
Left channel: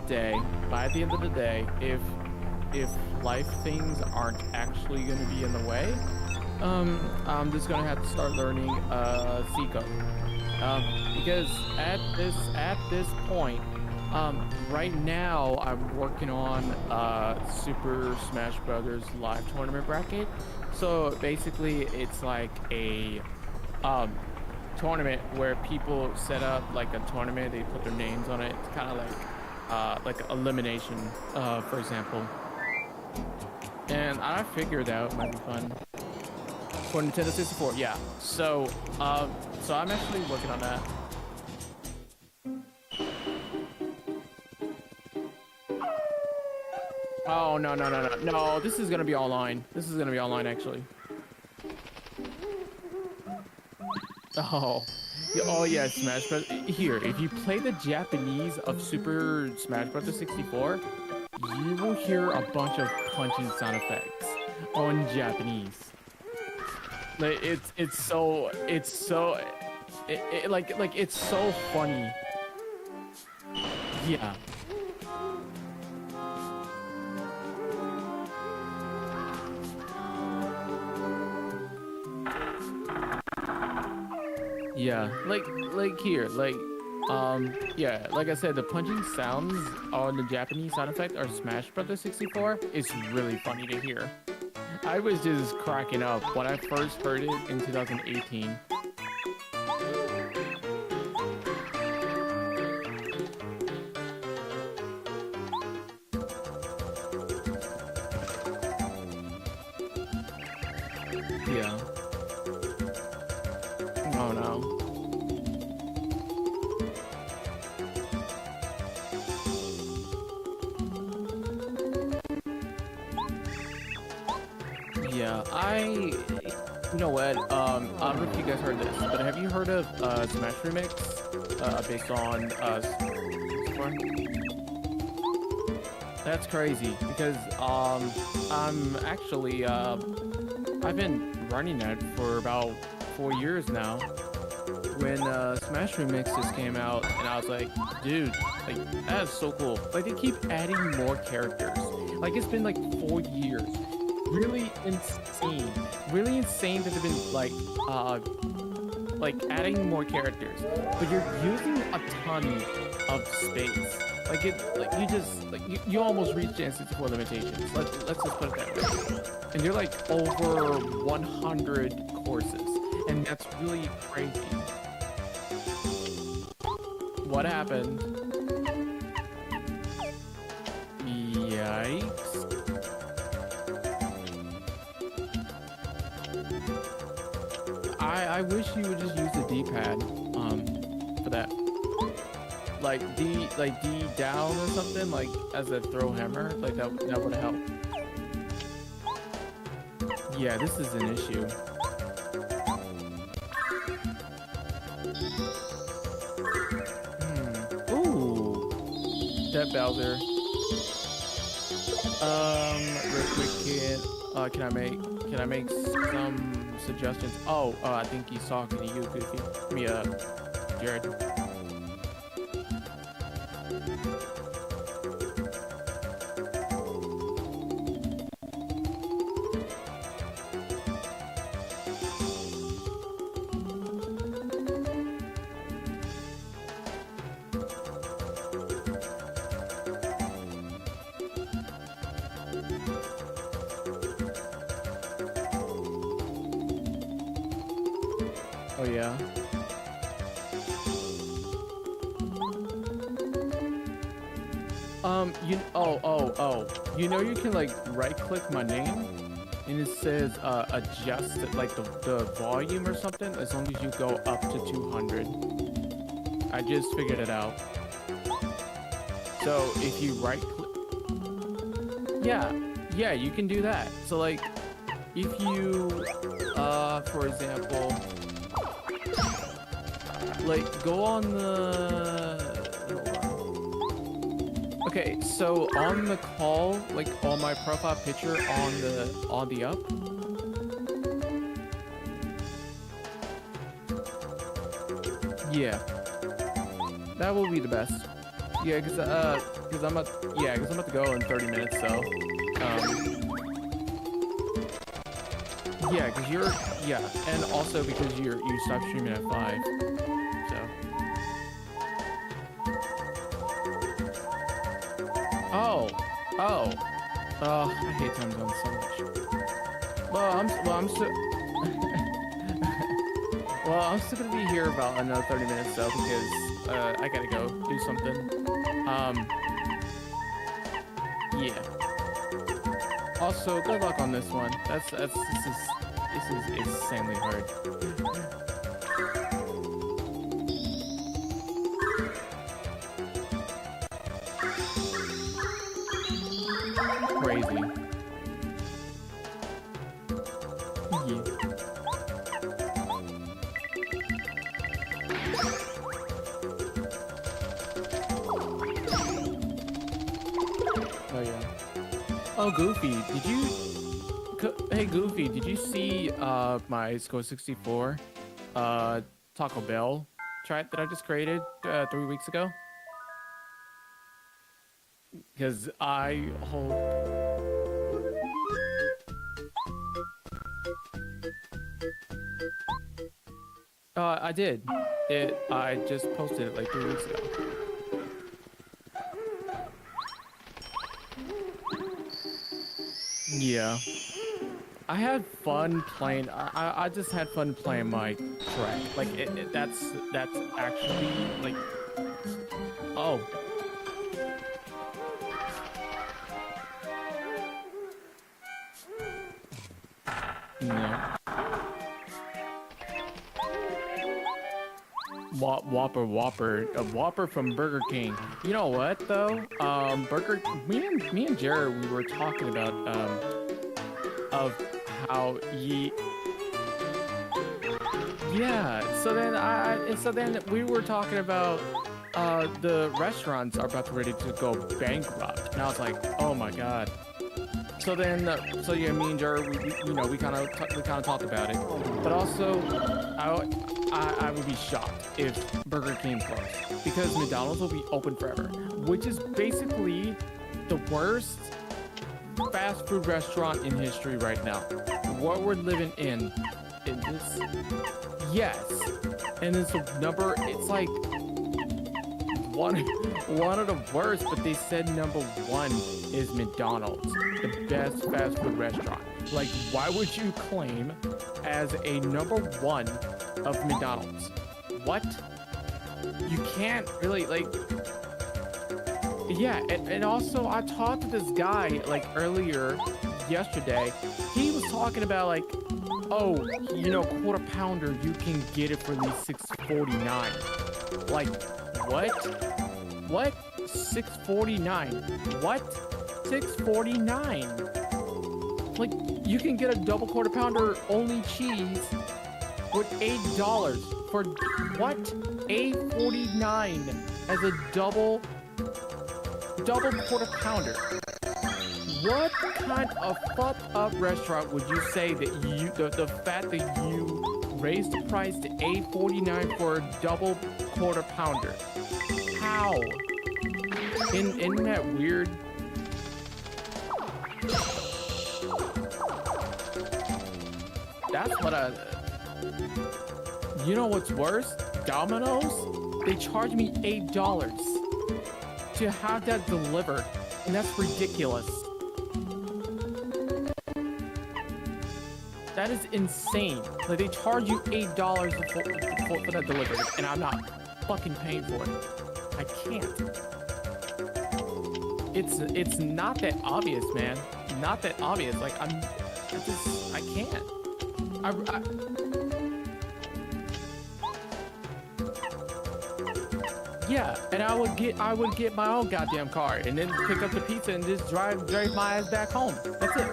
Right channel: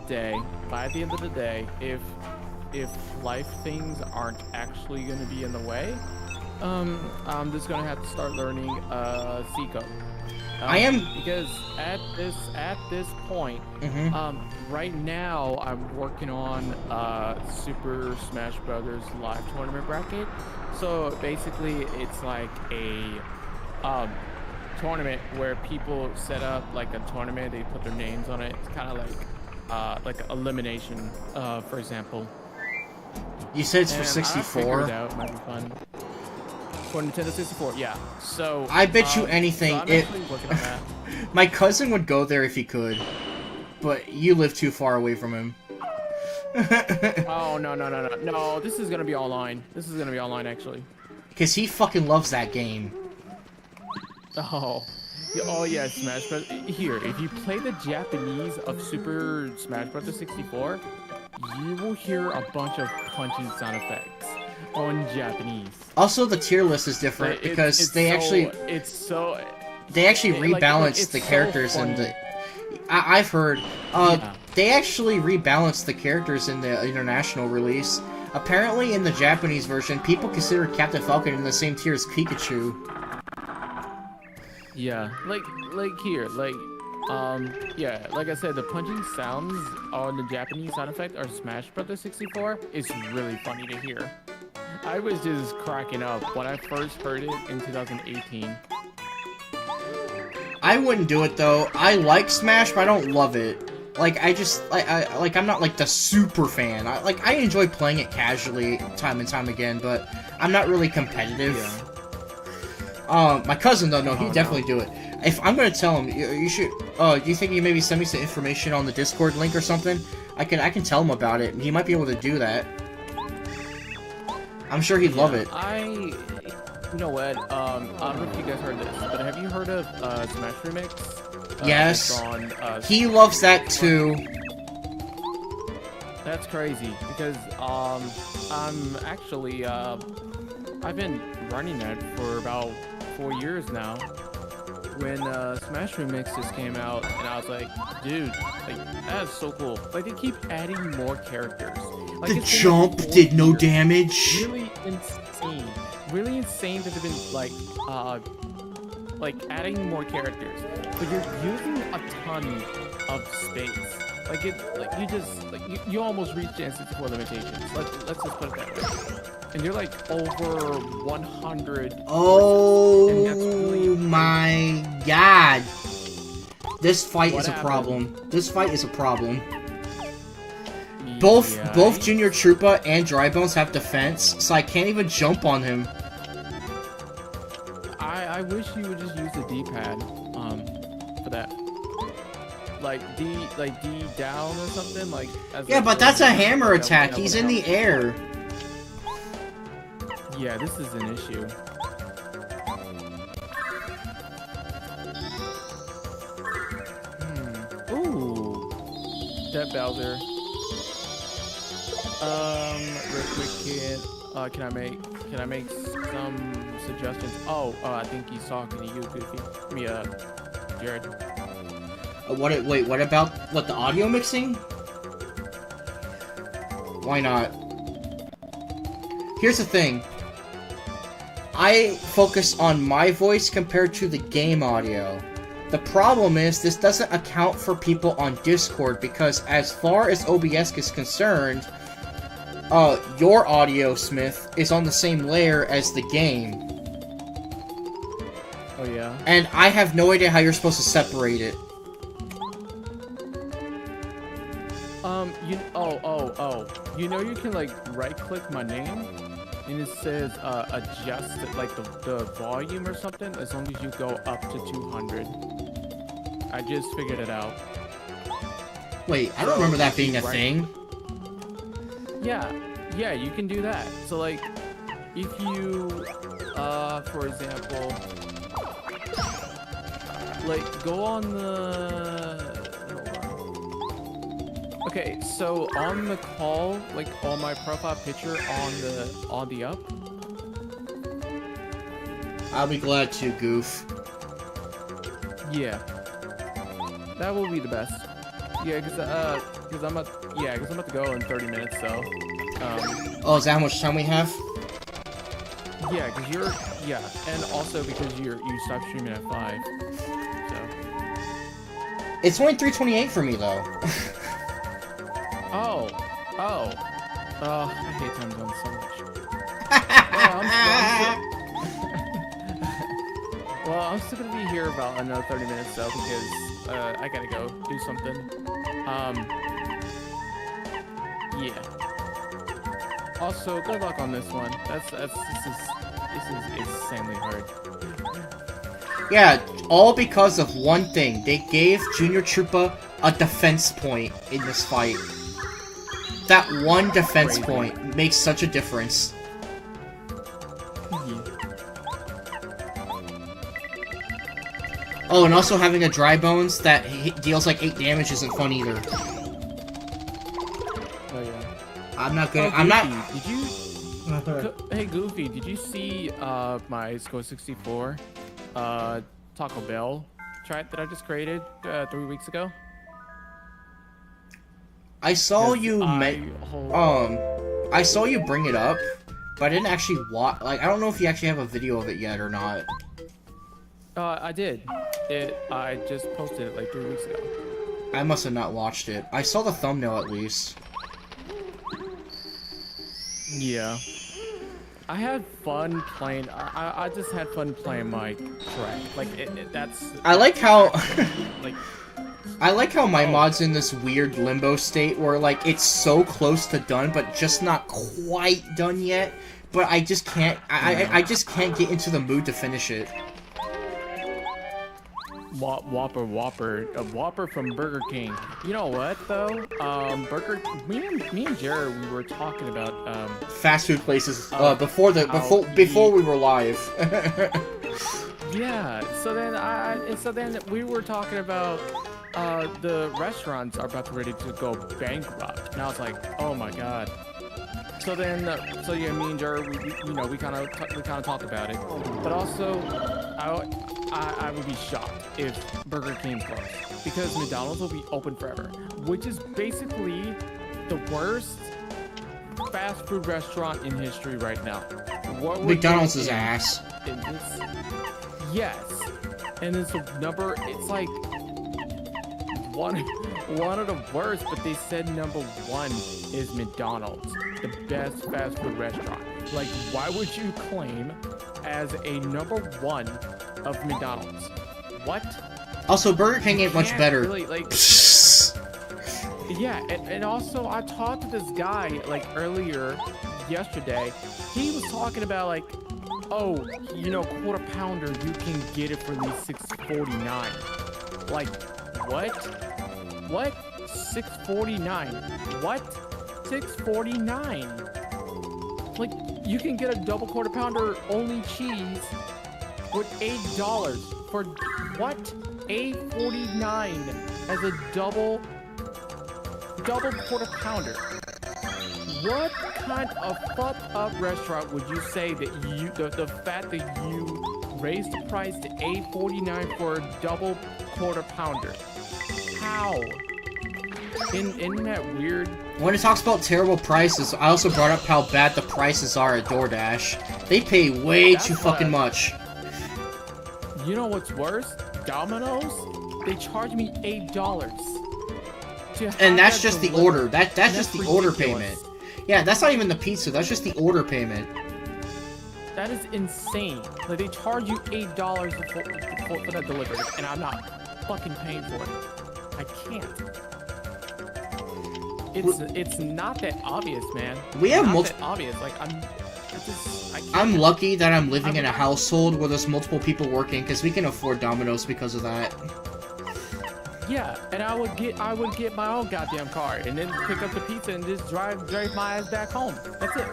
day, if life things aren't actually going to be in the way, I'm just gonna have to start learning C code. I am because at this point, right now I'm working on Super Smash Brothers live tournament bracket. So basically, it's like a tournament where people set up like a tournament. They put their names on it. It's kind of like elimination, for example. You said it's for And 64. I figured out it might be fun. For Nintendo 64, yeah. So I bet you anything. So I'm actually working on that. My cousin would go there if he could, but you live too far away from him. Oh no! This is gonna be online. This is gonna be online actually. Cause he fucking loves that game. Oh. Oh yeah, Smash Bros. Here, if you play the Japanese of Super Smash Bros. 64, you will hear a bunch of punching sound effects on Japanese. Also, the tier list is different because they actually rebalance the characters in the. I've heard. They actually rebalanced the characters in the international release. Apparently, in the Japanese version, people consider Captain Falcon in the same tier as Pikachu. Yeah, like here, yeah, like I said, the punching sounds on the Japanese sound effect or Smash Brothers 64 is really funny to hear. I was just cracking up when I first heard it in 2018. I wouldn't do it though. I like Smash, but I don't love it. Like I'm not like the super fan. I enjoy playing it casually time and time again, but I'm not really competitive. Yeah. My cousin though, no, Oh, he'd definitely do it. If I'm gonna tell him, you should. Do you think you maybe send me some information on the Discord link or something? I can tell him about it. He might be able to do that. I'm sure he'd love it. You know what? I don't know if you guys heard this, but have you heard of Smash Remix? Yes. It's on, He loves that too. That's crazy because I'm actually I've been running that for about 4 years now. When Smash Remix just came out, and I was like, dude, like that is so cool. Like they keep adding more characters. Like The it's been, jump like, 4 did no years. damage. Really insane. Really insane that they've been like adding more characters, but you're using a ton of space. Like you just you almost reach the N64 limitations. Let's just put it that way. And you're like over 100 Oh horses, and that's really my god! This fight What is a happened? problem. This fight is a problem. Both Yikes. Junior Troopa and Drybones have defense, so I can't even jump on him. I wish you would just use the D-pad for that. Like D down or something like. Yeah, but that's a hammer like, attack. that He's would in the help. air. Yeah, this is an issue. Ooh, Death Bowser. Real quick, kid. Can I make some suggestions? Oh, I think he's talking to you, Goofy. Jared. Wait, what about the audio mixing? Why not? Here's the thing. I focus on my voice compared to the game audio. The problem is this doesn't account for people on Discord because as far as OBS is concerned, your audio, Smith, is on the same layer as the game. Oh yeah. And I have no idea how you're supposed to separate it. You know you can like right click my name and it says adjust like the volume or something as long as you go up to 200. I just figured it out. Wait, I don't remember that if you being a thing. Yeah, you can do that. So like if you for example like go on the Okay, so on the call, like on my profile picture on the up. I'll be glad to, Goof. Yeah. That will be the best. Yeah, cause I'm about to go in 30 minutes, so Oh, is that how much time we have? yeah, and also because you stopped streaming at 5. So It's only 3:28 for me though. Oh, I hate time zones so much. Well, I'm still gonna be here about another 30 minutes though because I gotta go do something. Yeah. Also, good luck on this one. This is insanely hard. Yeah, all because of one thing. They gave Junior Troopa a defense point in this fight. That one defense Crazy. point makes such a difference. Yeah. Oh, and also having a Dry Bones that deals like 8 damage isn't fun either. Oh yeah. I'm not Oh, gonna. Goofy, did you? Hey Goofy, did you see my Score 64 Taco Bell chat that I just created 3 weeks ago? I saw 'Cause you. I I saw you bring it up, but I didn't actually watch. Like, I don't know if you actually have a video of it yet or not. I did. I just posted it like 3 weeks ago. I must have not watched it. I saw the thumbnail at least. Yeah. I had fun playing. I just had fun playing my track. Like that's. I like how. Like. I like how my Oh. mod's in this weird limbo state where like it's so close to done, but just not quite done yet. But I just can't. I just can't get into the mood to finish it. Whopper, a Whopper from Burger King. You know what though? Me and Jared, we were talking about Fast food places before we were live. Yeah. So then we were talking about the restaurants are about to ready to go bankrupt, and I was like, oh my god. So then, me and Jared, we kind of talked about it, but also, I would be shocked if Burger King's closed because McDonald's will be open forever, which is basically the worst fast food restaurant in history right now. What we're McDonald's is getting ass. in this, yes, and it's a number. It's like one of the worst, but they said number one is McDonald's, the best fast food restaurant. Like, why would you claim as a number one of McDonald's? What? Also, Burger King ain't much Can't better. Really, like, yeah, and also I talked to this guy like earlier yesterday. He was talking about like, oh, quarter pounder, you can get it for these $6.49. Like, what? What? $6.49? What? $6.49? Like, you can get a double quarter pounder only cheese with $8 for what? $8.49 as a double quarter pounder. What kind of fucked up restaurant would you say that the fact that you raised the price to $8.49 for a double quarter pounder? How? Isn't that weird? When it talks about terrible prices, I also brought up how bad the prices are at DoorDash. They pay way That's too what fucking much. You know what's worse? Domino's? They charge me $8 to have And that's that just the delivered. order. That's just the order ridiculous. payment. Yeah, that's not even the pizza. That's just the order payment. That is insane. Like, they charge you $8 for that delivery, and I'm not fucking paying for it. I can't. It's not that obvious, man. We have not that obvious. Like, I can't. I'm lucky that I'm living in a household where there's multiple people working because we can afford Domino's because of that. Yeah, and I would get my own goddamn car and then pick up the pizza and just drive my ass back home. That's it.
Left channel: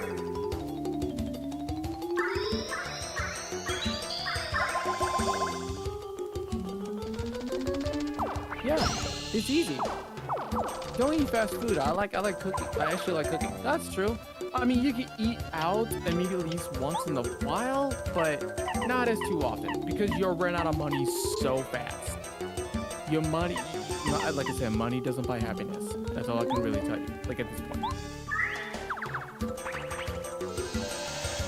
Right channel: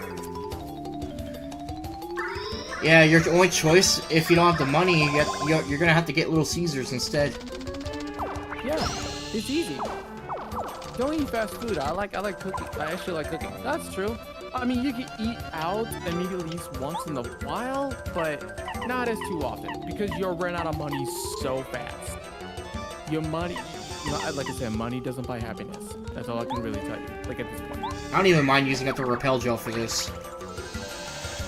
Yeah, your only choice, if you don't have the money, you're gonna have to get Little Caesars instead. Yeah, it's easy. Don't eat fast food. I like cooking. I actually like cooking. That's true. I mean, you can eat out and maybe at least once in a while, but not as too often because you'll run out of money so fast. Your money, like I said, money doesn't buy happiness. That's all I can really tell you. Like at this point. I don't even mind using up the repel gel for this.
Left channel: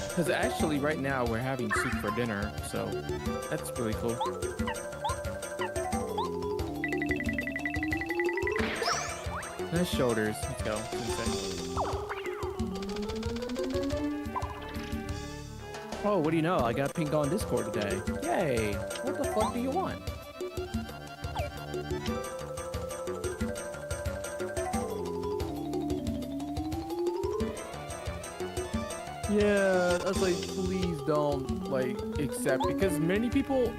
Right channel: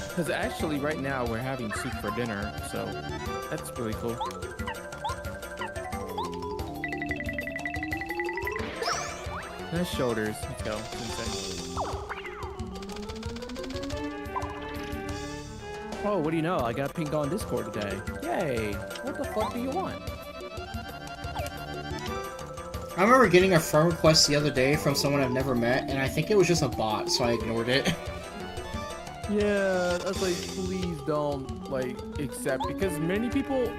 Because actually, right now we're having soup for dinner, so that's really cool. Nice shoulders. Let's go. Oh, what do you know? I got pinged on Discord today. Yay! What the fuck do you want? I remember getting a friend request the other day from someone I've never met, and I think it was just a bot, so I ignored it. Yeah, that's like, please don't, like, accept, because many people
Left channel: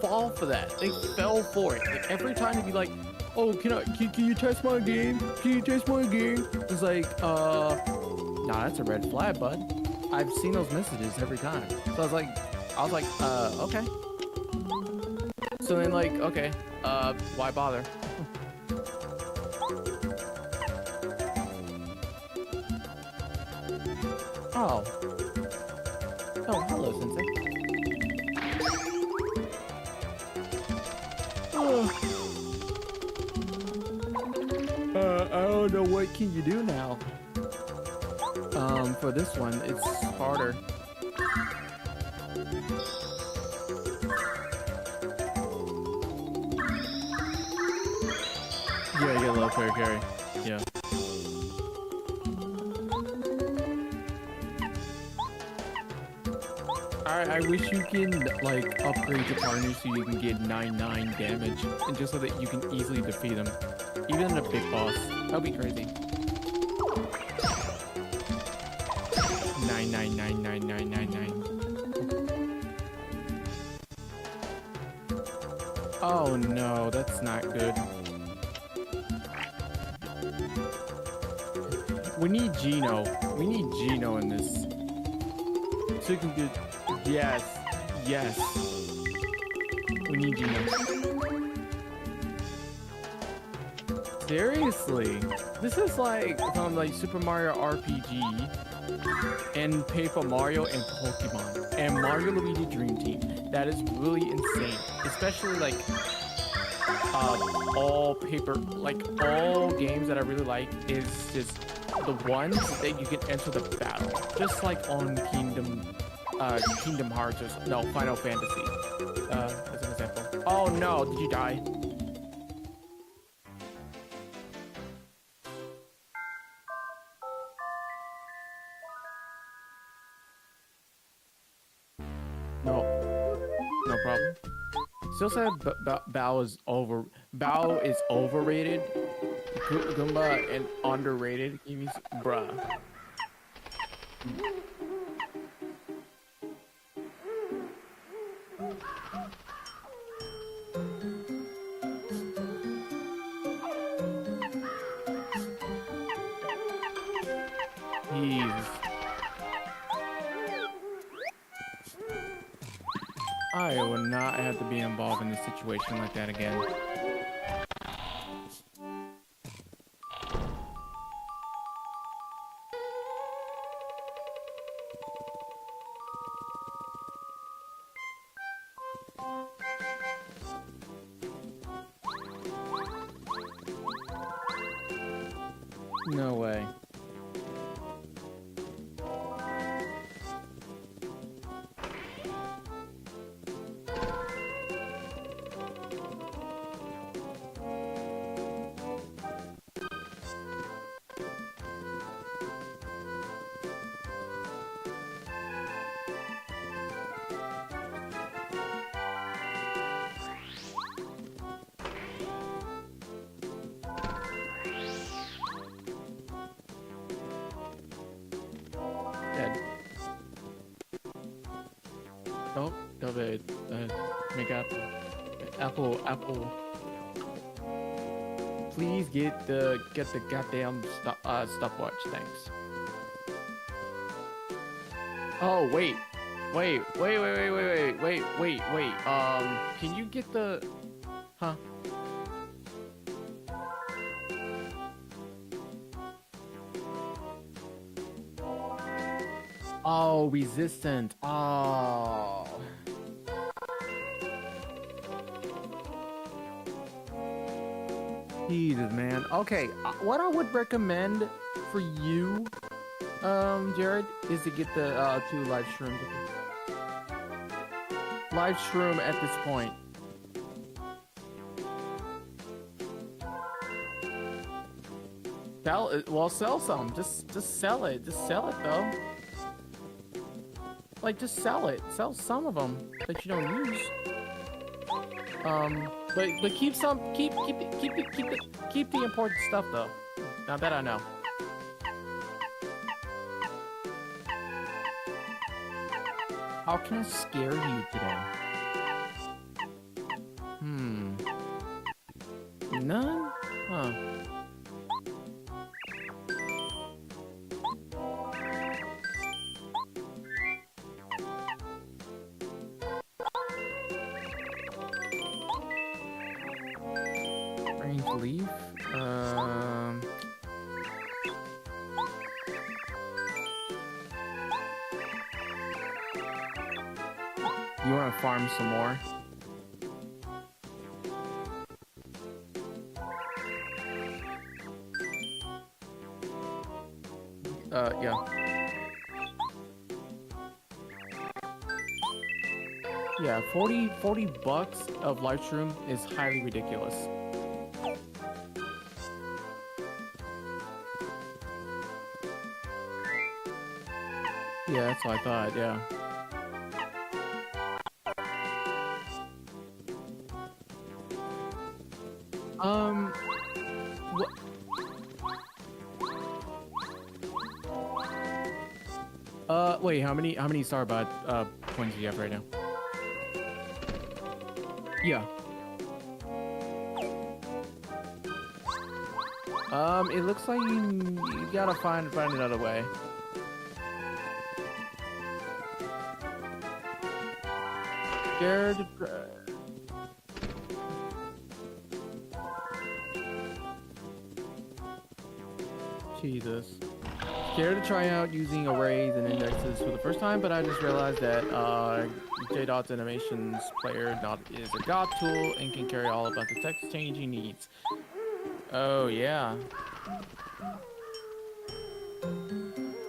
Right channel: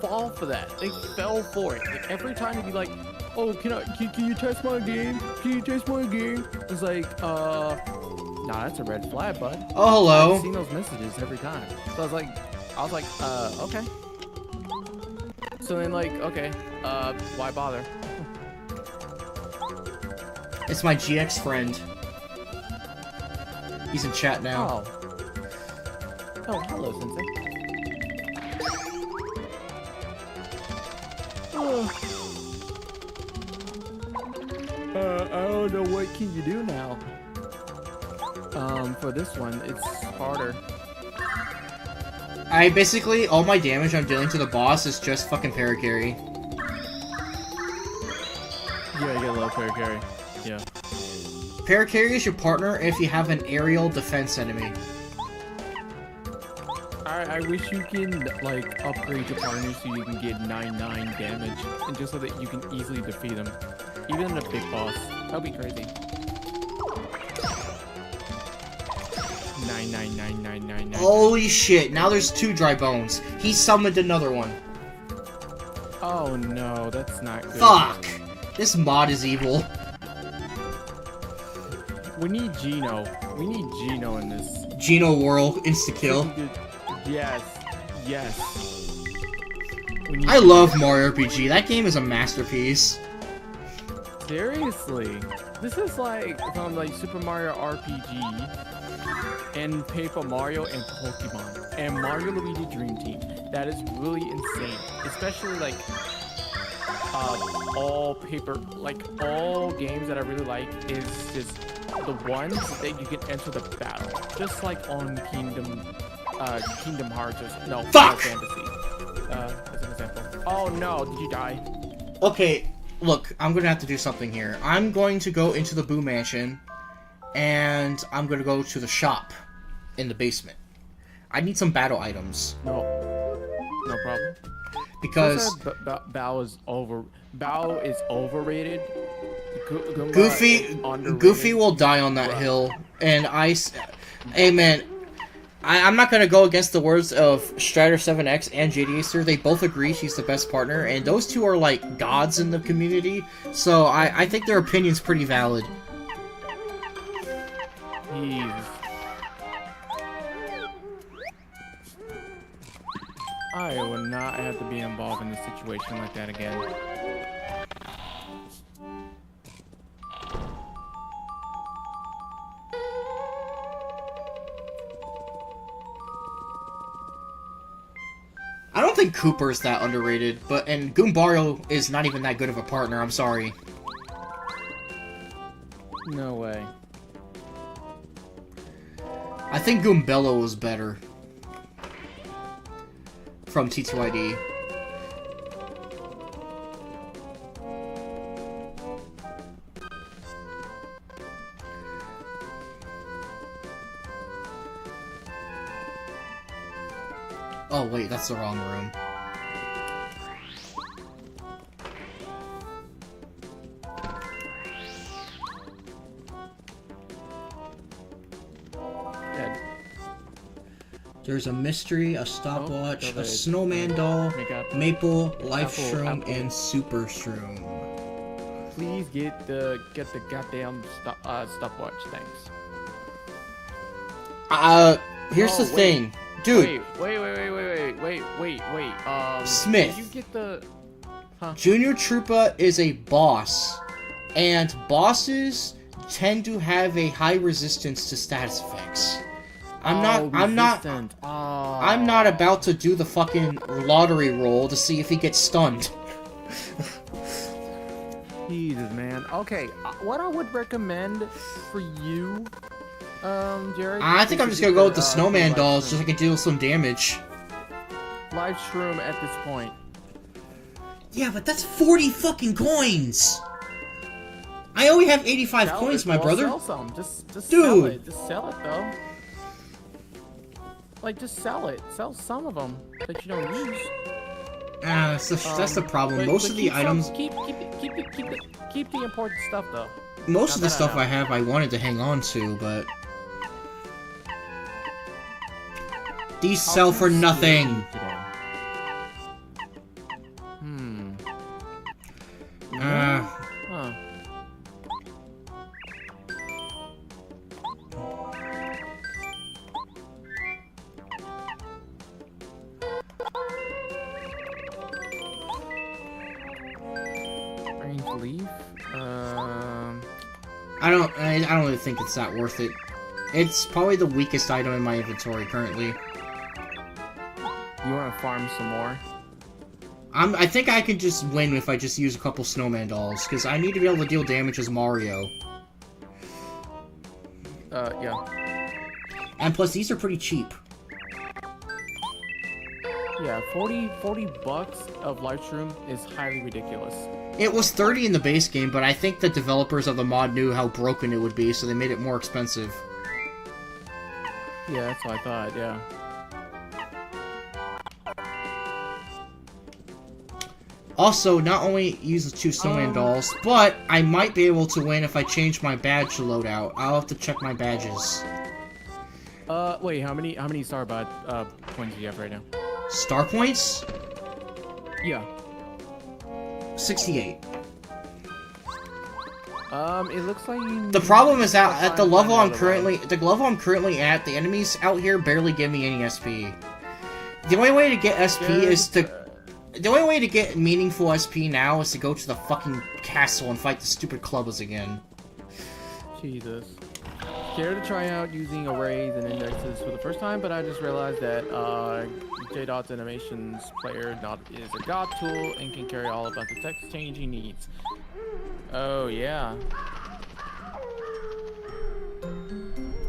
fall for that. They fell for it. Like, every time they'd be like, oh, can you test my game? Can you test my game? It's like, nah, that's a red flag, bud. Oh, hello. I've seen those messages every time. So I was like, okay. So then, like, okay, why bother? It's my GX friend. He's in chat now. Oh, hello, Sensei. I don't know what can you do now. For this one, it's harder. I basically, all my damage I'm dealing to the boss is just fucking paracarry. Yeah, you get a low fair carry. Yeah. Paracarry is your partner if you have an aerial defense enemy. I wish you can, like, upgrade your partner so you can get 9/9 damage, and just so that you can easily defeat them. Even in a big boss. That would be crazy. 9/9/9/9/9/9. Holy shit, now there's 2 dry bones. He summoned another one. Oh no, that's not good. Fuck! This mod is evil. We need Gino. We need Gino in this. Geno Whirl, insta-kill. Yes. Yes. We need I love Mario RPG. That game is a masterpiece. Seriously. This is like from like Super Mario RPG and Paper Mario and Pokemon and Mario Luigi Dream Team. That is really insane. Especially like all games that I really like is just the ones that you can enter the battle. Just like on Kingdom Hearts or no Final Fantasy. As an example. Oh no, did you die? Okay, look, I'm gonna have to do something here. I'm going to go into the Boo Mansion, and I'm gonna go to the shop in the basement. I need some battle items. No problem. Because Bao is overrated. Goomba Goofy, is underrated. Goofy will die on that hill, and hey man, I'm not gonna go against the words of Strider7X and JDacer. They both agree she's the best partner, and those two are like gods in the community. So I think their opinion's pretty valid. Jeez. I would not have to be involved in a situation like that again. I don't think Cooper's that underrated, and Goombario is not even that good of a partner, I'm sorry. No way. I think Goombello was better. From T2ID. Oh wait, that's the wrong room. Dead. There's a mystery, a stopwatch, Oh, a snowman doll, Makeup. maple, life Apple, shroom, apple. and super shroom. Please get the goddamn stopwatch. Thanks. Here's Oh, the wait. thing. Dude, Wait. Smith. Did you get the? Huh? Junior Troopa is a boss, and bosses tend to have a high resistance to status effects. I'm not about to do the fucking lottery roll to see if he gets stunned. Jesus, man. Okay, what I would recommend for you, Jared. I think is I'm to just get gonna go with the the snowman live dolls so shroom. I can deal some damage. Live shroom at this point. Yeah, but that's 40 fucking coins! I only have 85 coins, my brother. Sell some. Just Dude. sell it. Just sell it, though. Like, just sell it. Sell some of them that you don't use. That's the problem. But Most of the keep items, keep the important stuff, though. most of the that I stuff know. I have, I wanted to hang on to, but these How sell can for I scare nothing. you today? Huh. Range leaf? I don't really think it's that worth it. It's probably the weakest item in my inventory currently. You want to farm some more? I think I can just win if I just use a couple snowman dolls, because I need to be able to deal damage as Mario. Yeah. And plus, these are pretty cheap. Yeah, 40 bucks of Lightstroom is highly ridiculous. It was 30 in the base game, but I think the developers of the mod knew how broken it would be, so they made it more expensive. Yeah, that's what I thought, yeah. Also, not only use the 2 Snowman dolls, but I might be able to win if I change my badge loadout. I'll have to check my badges. Wait, how many star points do you have right now? Star points? Yeah. 68. It looks like you... The problem is that at the level I'm currently at, the enemies out here barely give me any SP. The only way to get SP is to... The only way to get meaningful SP now is to go to the fucking castle and fight the stupid clubbers again. Jesus. Scared to try out using arrays and indexes for the first time, but I just realized that JDot's animations player is a god tool and can carry all about the text change he needs. Oh yeah.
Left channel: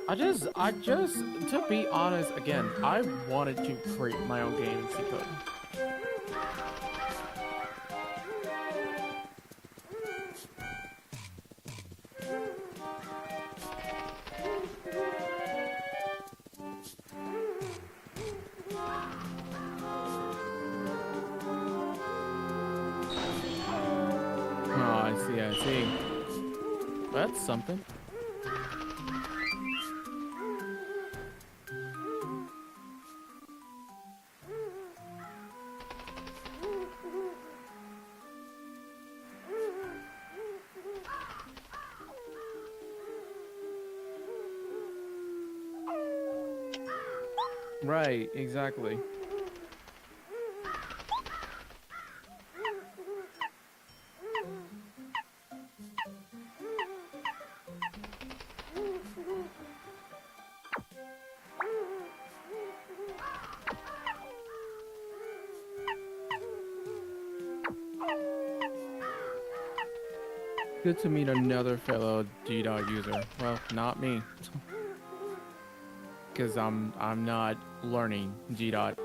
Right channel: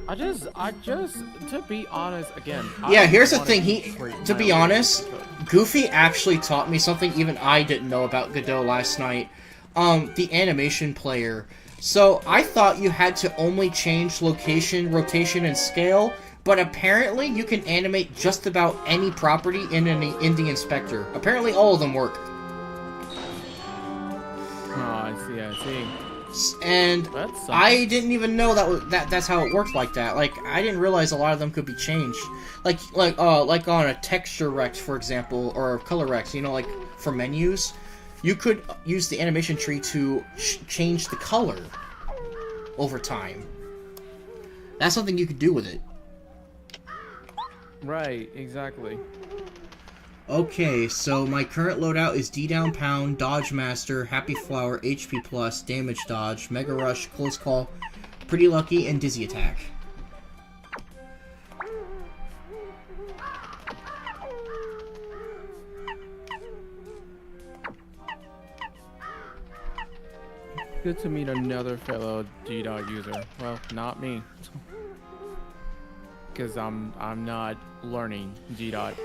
I just, to be honest, again. Yeah, here's the thing. To be honest, Goofy actually taught me something even I didn't know about Godot last night. The animation player. So I thought you had to only change location, rotation, and scale, but apparently you can animate just about any property in the inspector. Apparently all of them work. Oh, I see. And I didn't even know that's how it worked like that. Like, I didn't realize a lot of them could be changed. Like on a texture Rex, for example, or a color Rex, you know, like for menus, you could use the animation tree to change the color over time. That's something you could do with it. Right, exactly. Okay, so my current loadout is D down pound, dodge master, happy flower, HP plus, damage dodge, mega rush, close call, pretty lucky, and dizzy attack. Good to meet another fellow GDOT user. Well, not me. Because I'm not learning GDOT.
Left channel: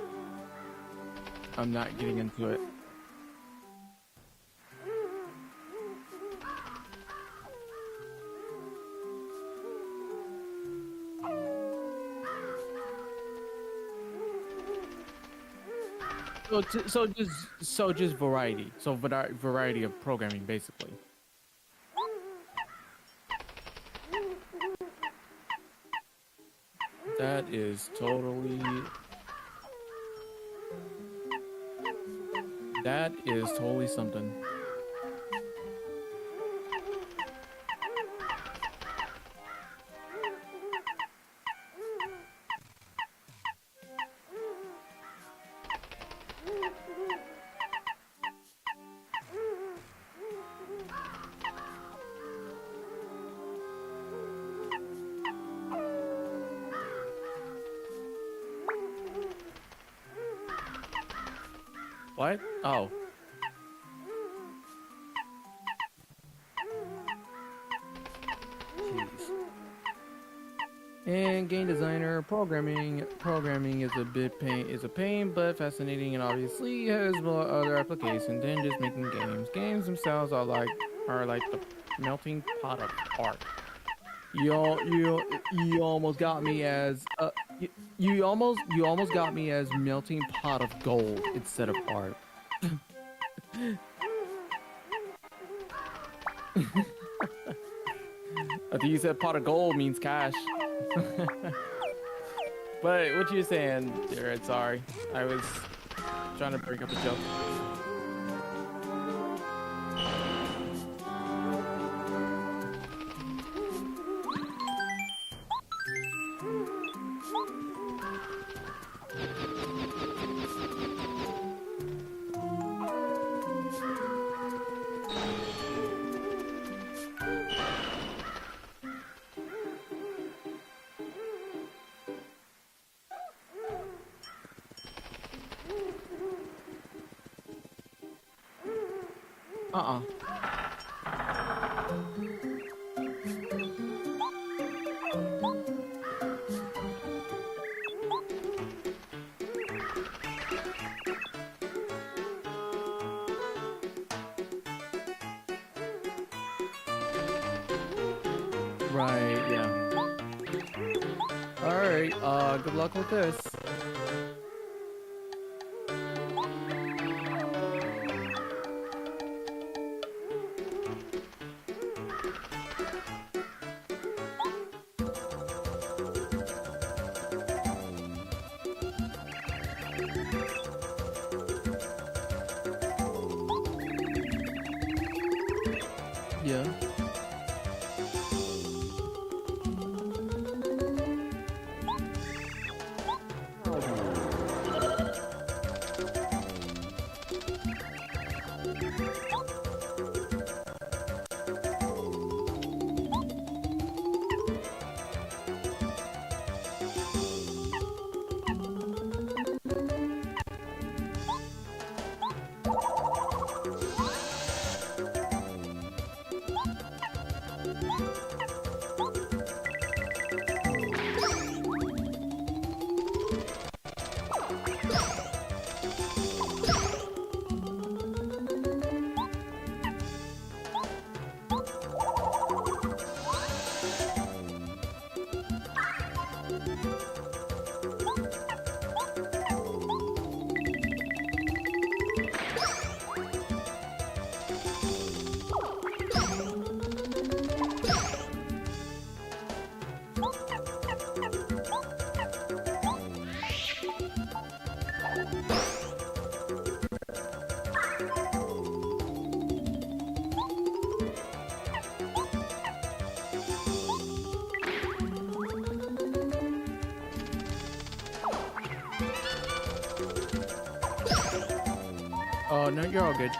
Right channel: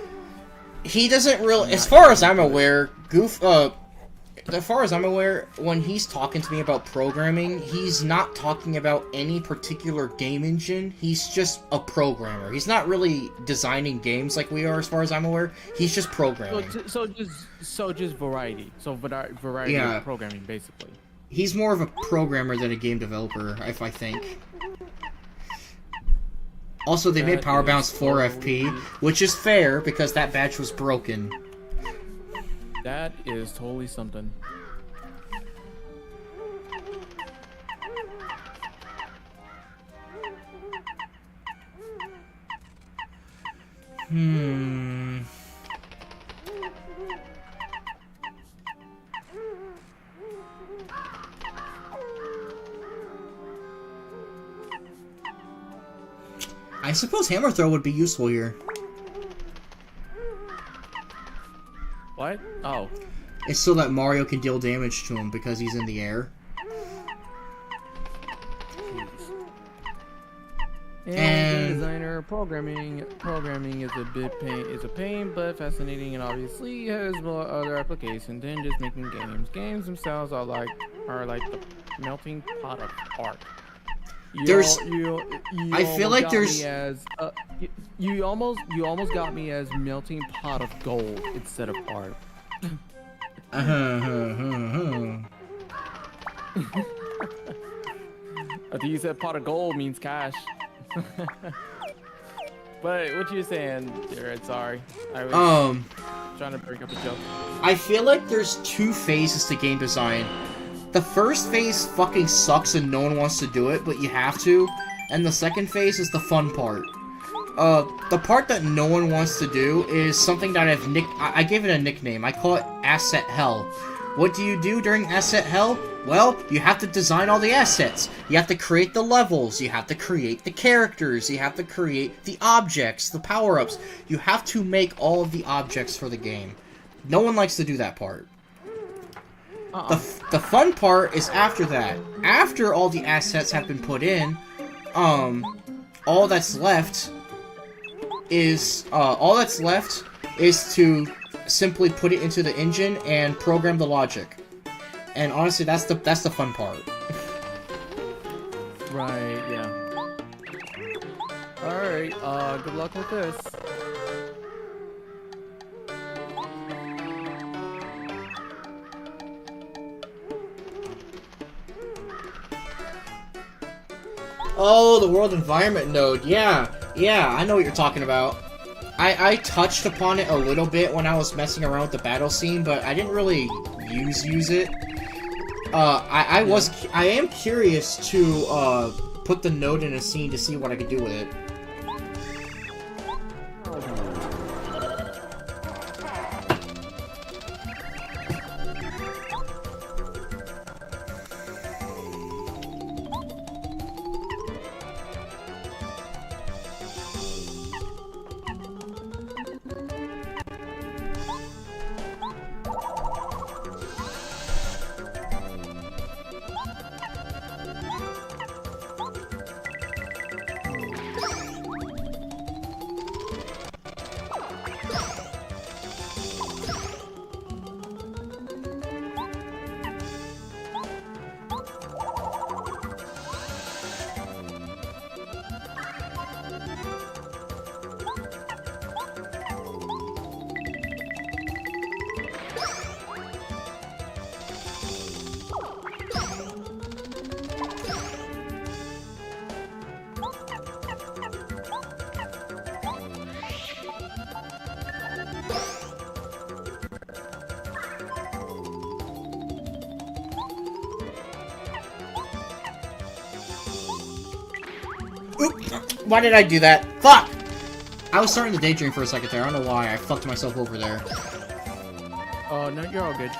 He doesn't really, as far as I'm aware, as far as I'm aware, when he's talking to me about programming, he's not talking about any particular game engine. He's just a programmer. He's not really designing games like we are, as far as I'm aware. He's just programming. So just variety. So variety of programming, basically. He's more of a programmer than a game developer, if I think. Also, they made Power Bounce 4 FP, which is fair because that badge was broken. That is totally something. I suppose Hammer Throw would be useful here. What? Oh. It's so that Mario can deal damage to him because he's in the air. Jeez. And game designer programming is a pain, but fascinating and obviously has more other applications than just making games. Games themselves are like the melting pot of art. You almost got me as melting pot of gold instead of art. I think you said pot of gold means cash. But what you saying, Jared? Sorry, I was trying to break up a joke. I feel like there's 2 phases to game design. The first phase fucking sucks and no one wants to do it, but you have to. And the second phase is the fun part. The part that no one wants to do is something that I gave it a nickname. I call it Asset Hell. What do you do during Asset Hell? Well, you have to design all the assets. You have to create the levels. You have to create the characters. You have to create the objects, the power-ups. You have to make all of the objects for the game. No one likes to do that part. The fun part is after that. After all the assets have been put in, all that's left is all that's left is to simply put it into the engine and program the logic. And honestly, that's the fun part. Right, yeah. Alright, good luck with this. Oh, the world environment node. Yeah, I know what you're talking about. I touched upon it a little bit when I was messing around with the battle scene, but I didn't really use it. I am curious to put the node in a scene to see what I can do with it. Why did I do that? Fuck! I was starting to daydream for a second there. I don't know why. I fucked myself over there. Oh, no, you're all good.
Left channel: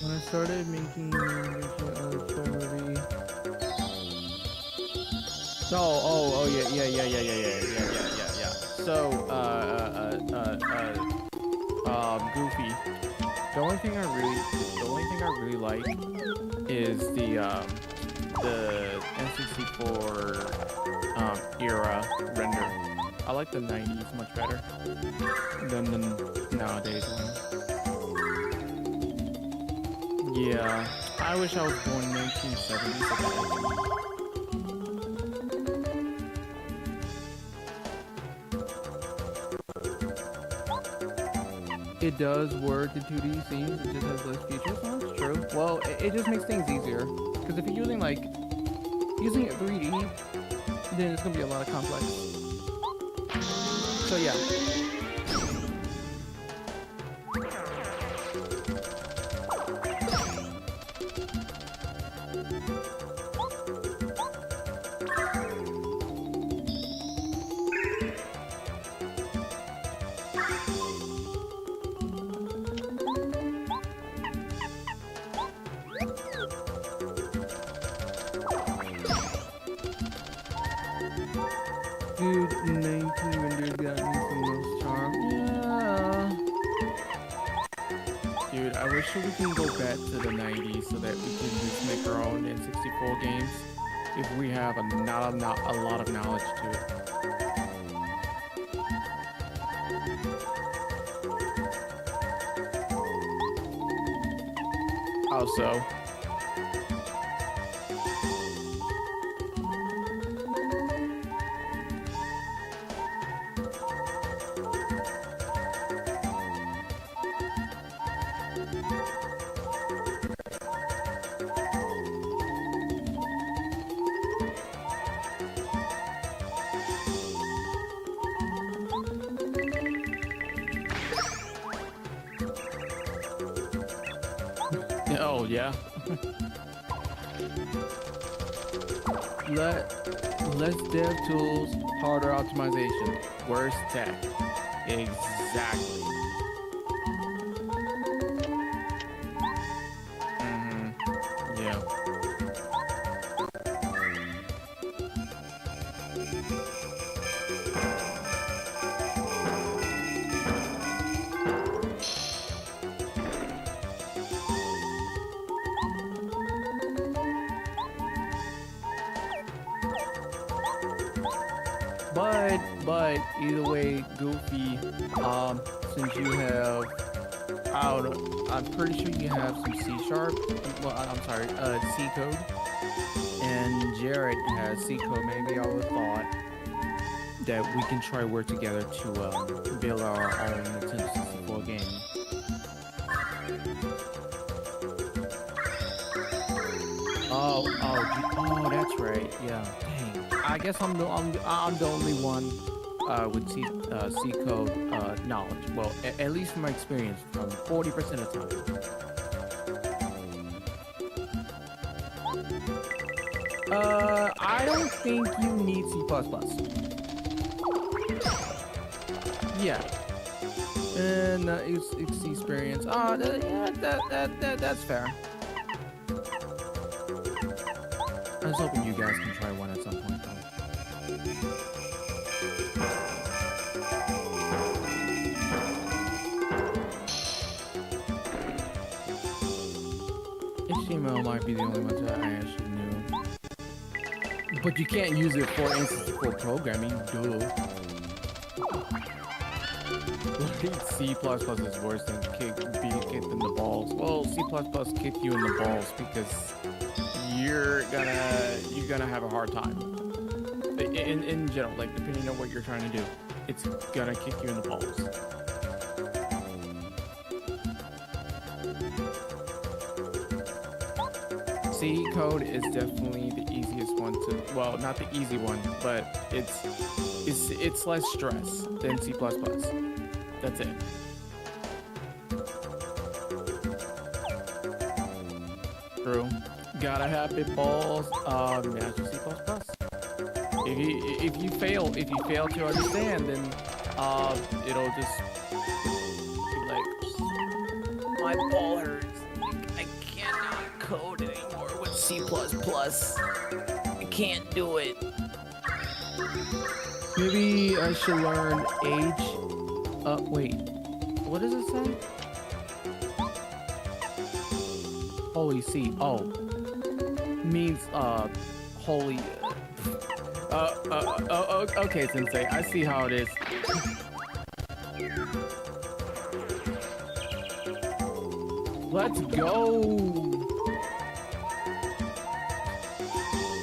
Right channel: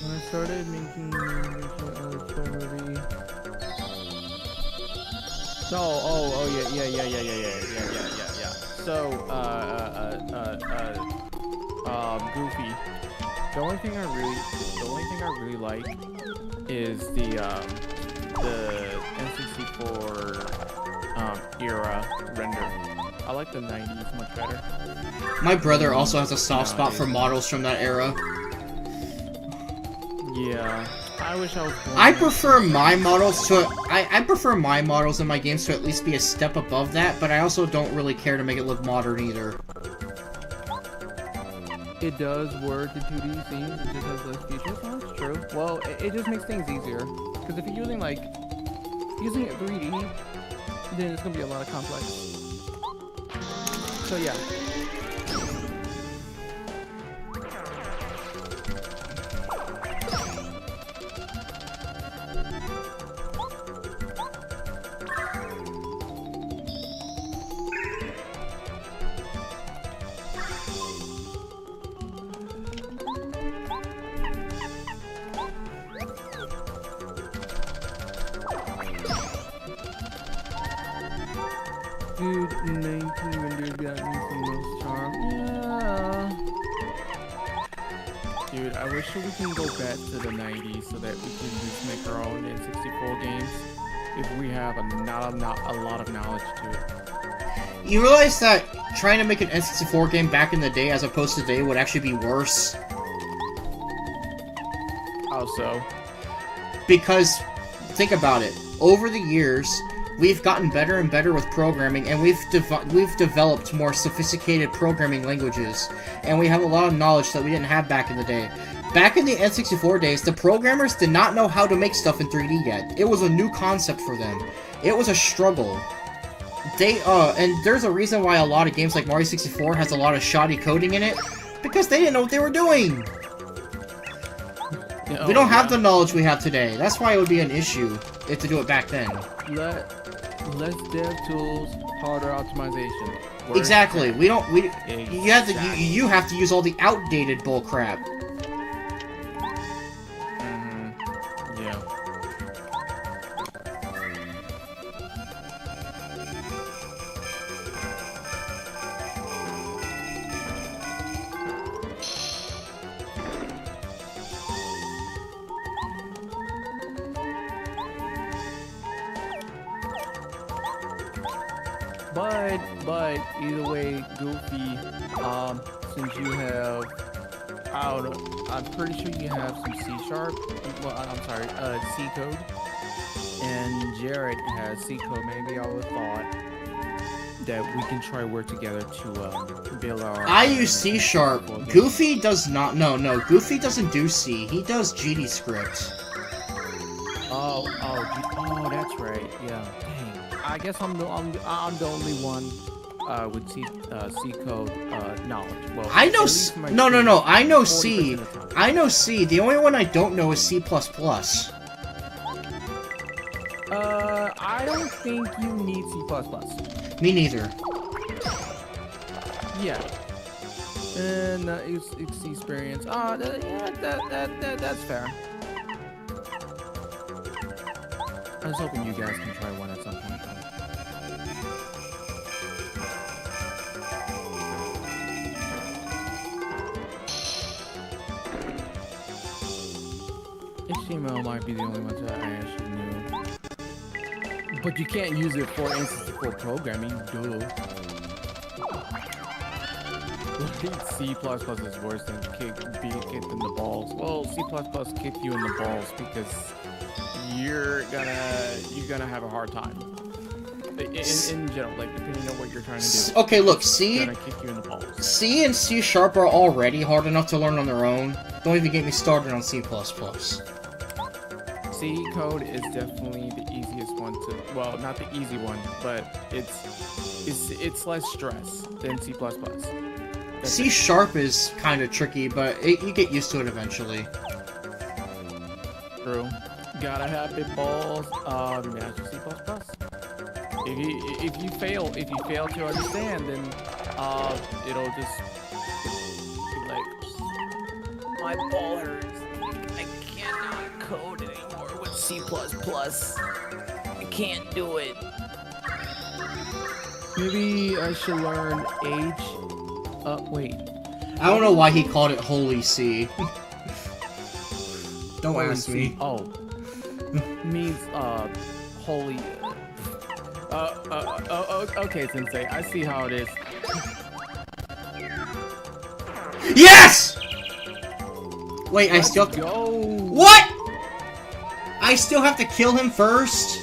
When I started making movie. So, oh, yeah. So, Goofy. The only thing I really like is the N64 era render. I like the 90s much better. My brother also has a soft spot for models from that era. Yeah, I wish I was born I prefer my models to I prefer my models in my games to at least be a step above that, but I also don't really care to make it look modern either. It does work in 2D scenes, it just has less features. Well, that's true. Well, it just makes things easier. Because if you're using it 3D, then it's gonna be a lot of complex. So yeah. Dude, 19 renders got me some most charm. Yeah. Dude, I wish we can go back to the 90s so that we can just make our own N64 games if we have a lot of knowledge to it. You realize that trying to make an N64 game back in the day as opposed to today would actually be worse? How so? Because, think about it. Over the years, we've gotten better and better with programming, and we've developed more sophisticated programming languages, and we have a lot of knowledge that we didn't have back in the day. Back in the N64 days, the programmers did not know how to make stuff in 3D yet. It was a new concept for them. It was a struggle. And there's a reason why a lot of games like Mario 64 has a lot of shoddy coding in it, because they didn't know what they were doing. We don't have the knowledge we have today. That's why it would be an issue if to do it back then. Less dev tools, harder optimization. Where's Exactly. that? Exactly. You have to use all the outdated bullcrap. Yeah. But either way, Goofy, since you have, I don't know, I'm pretty sure you have some C sharp. Well, I'm sorry, C code, and Jared has C code. Maybe I would have thought that we can try work together to build our. I use C sharp. game. Goofy does not. No, Goofy doesn't do C. He does GD script. Oh, that's right. Yeah. Dang. I guess I'm the only one with C code knowledge. Well, I know. At least from my No. experience, I know 40% C. of the time. I know C. The only one I don't know is C++. I don't think you need C++. Me neither. Yeah. And it's experience. Yeah, that's fair. I was hoping you guys can try one at some point. HTML might be the only ones that I actually knew. But you can't use it for instance for programming, duh. C++ is worse than being kicked in the balls. Well, C++ kicked you in the balls because you're gonna have a hard time. In general, like depending on what you're trying to do. Okay, look, it's C. gonna kick you in the balls. C and C sharp are already hard enough to learn on their own. Don't even get me started on C++. C code is definitely the easiest one to. Well, not the easy one, but it's less stress than C++. C sharp is kind of tricky, but you get used to it eventually. True. Gotta have big balls. Master C++. If you fail to understand, then it'll just be like my ball hurts. I cannot code anymore with C++. I can't do it. Maybe I should learn H. Wait. I don't know why he called it Holy C. Don't Holy ask me. C. Oh. Means, holy. Okay, Sensei. I see how it is. Yes! Wait, Let's I still. go. What? I still have to kill him first?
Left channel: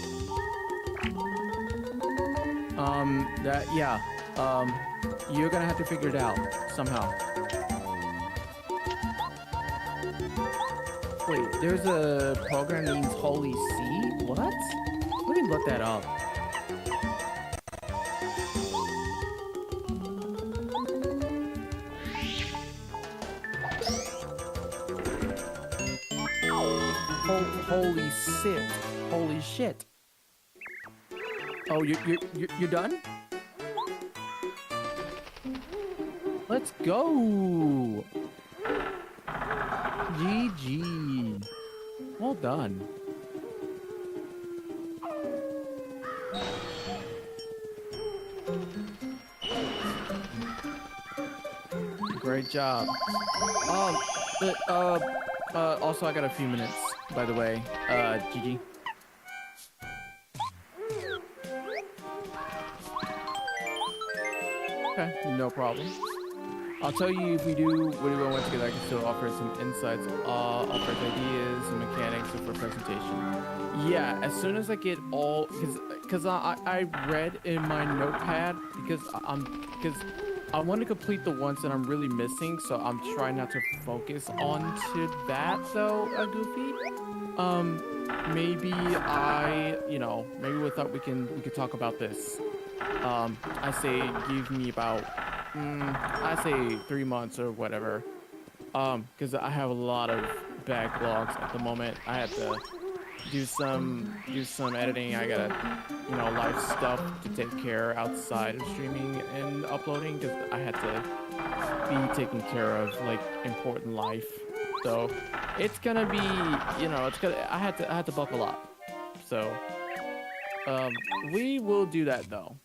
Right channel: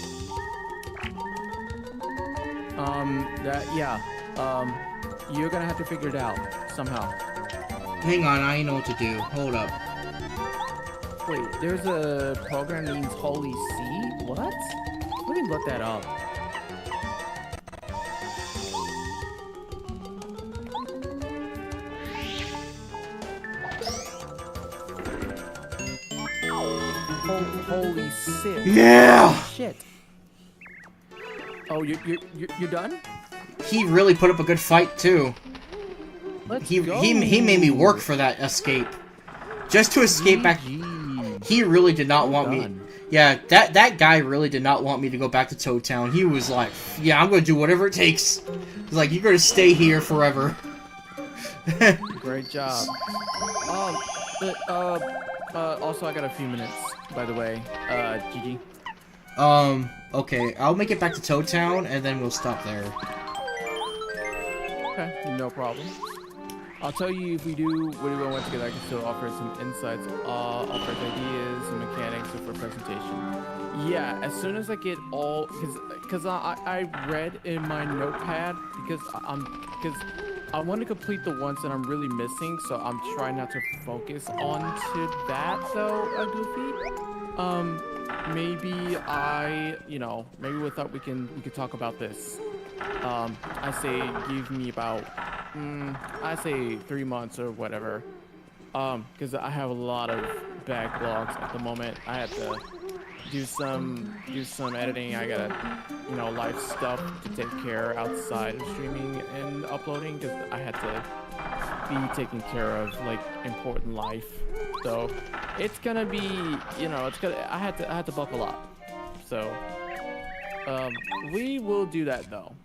You're gonna have to figure it out somehow. Hang on, I know what to do. Hold up. Wait, there's a program named Holy C? What? Let me look that up. Holy shit. Yeah! Holy shit. Oh, you're done? He really put up a good fight, too. Let's He go. made me work for that escape. Just to escape back. GG. He really did not Well want me. done. Yeah, that guy really did not want me to go back to Toad Town. He was like, yeah, I'm gonna do whatever it takes. He's like, you're gonna stay here forever. Great job. Also, I got a few minutes, by the way. GG. Okay, I'll make it back to Toad Town, and then we'll stop there. Okay, no problem. I'll tell you if we do work together, I can still offer some insights, offer ideas, and mechanics for presentation. Yeah, as soon as I get all, because I read in my notepad because I want to complete the ones that I'm really missing, so I'm trying not to focus on to that though, Goofy. Maybe maybe we thought we could talk about this. I say give me about, I say 3 months or whatever. Because I have a lot of backlogs at the moment. I have to do some editing. I got life stuff to take care outside of streaming and uploading because I had to be taking care of like important life. So it's gonna be, I had to buckle up. So we will do that though.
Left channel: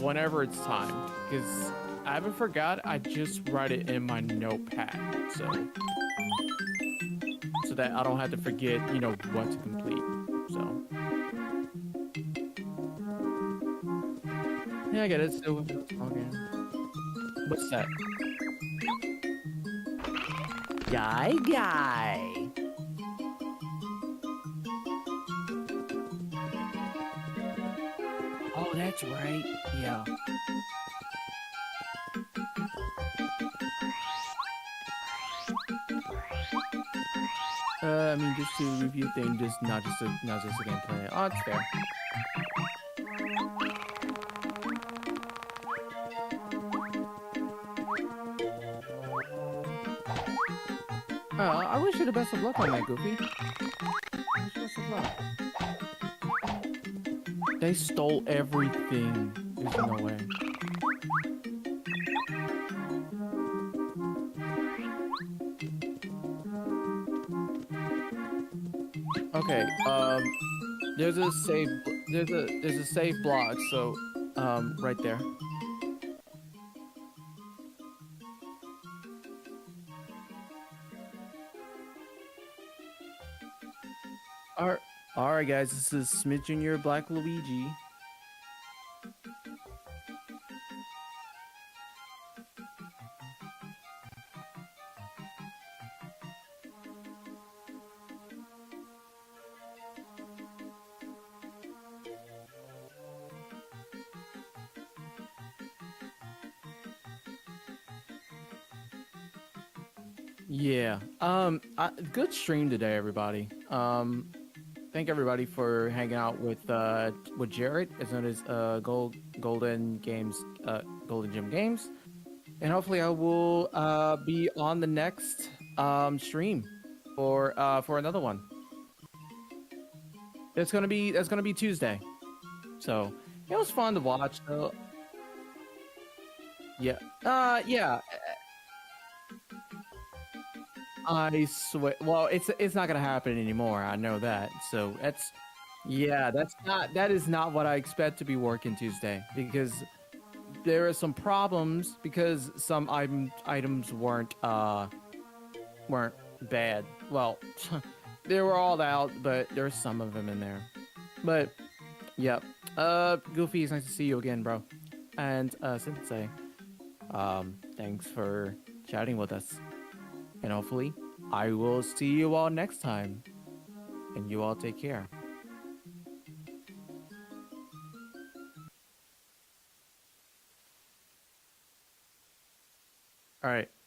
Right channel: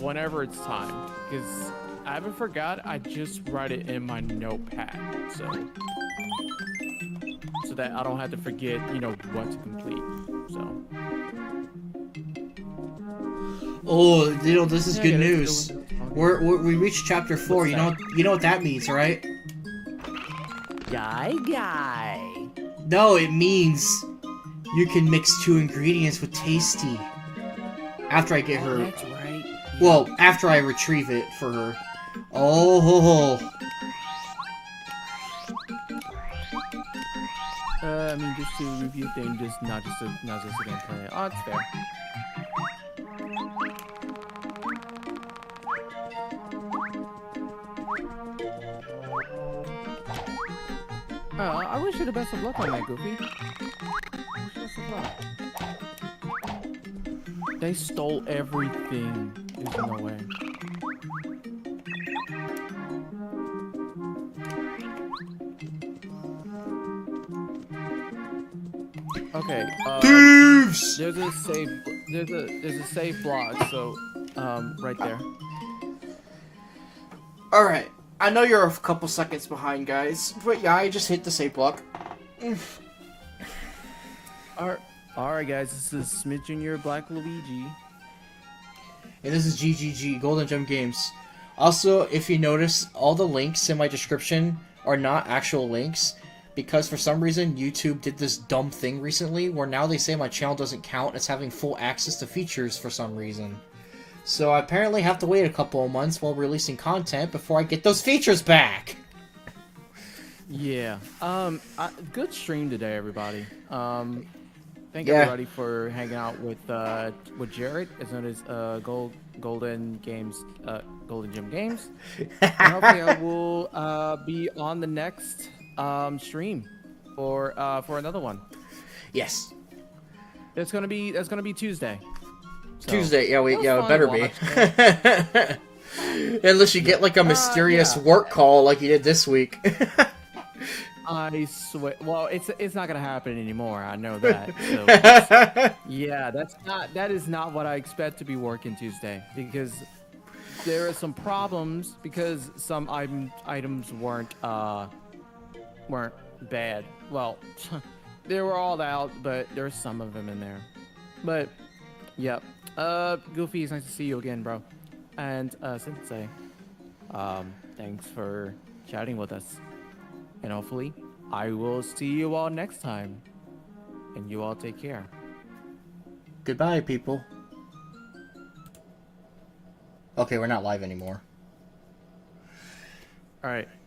Whenever it's time, because I haven't forgot. I just write it in my notepad, so that I don't have to forget, what to complete. So Oh, this is Yeah, good get it. news. Still- We reached chapter 4. What's that? You know what that means, right? Guy. No, it means you can mix 2 ingredients with Tasty. After I get Oh, her. that's right. Yeah. Well, after I retrieve it for her. Oh, ho, ho. I mean, just to review things, just not just a gameplay. Oh, it's fair. I wish you the best of luck on that, Goofy. Wish you best of luck. They stole everything. There's no way. Okay. Thieves! There's a save. There's a save block. So, right there. Alright. I know you're a couple seconds behind, guys. But yeah, I just hit the save block. Alright, guys. This is Smith Jr. Black Luigi. And this is GGG, Golden Gem Games. Also, if you notice, all the links in my description are not actual links. Because for some reason, YouTube did this dumb thing recently where now they say my channel doesn't count as having full access to features for some reason. So I apparently have to wait a couple of months while releasing content before I get those features back. Yeah. Good stream today, everybody. Thank Yeah. everybody for hanging out with Jared, as known as Golden Games, Golden Gym Games, and hopefully I will be on the next stream for another one. Yes. That's gonna be Tuesday. So, Tuesday, yeah, it was it fun better to be. watch, Unless you get like a mysterious yeah. work call like you did this week. I swear. Well, it's not gonna happen anymore. I know that. So that is not what I expect to be working Tuesday, because there are some problems because some items weren't bad. Well, they were all out, but there's some of them in there. But yep. Goofy, it's nice to see you again, bro. And Sensei, thanks for chatting with us. And hopefully, I will see you all next time. And you all take care. Goodbye, people. Okay, we're not live anymore. All right.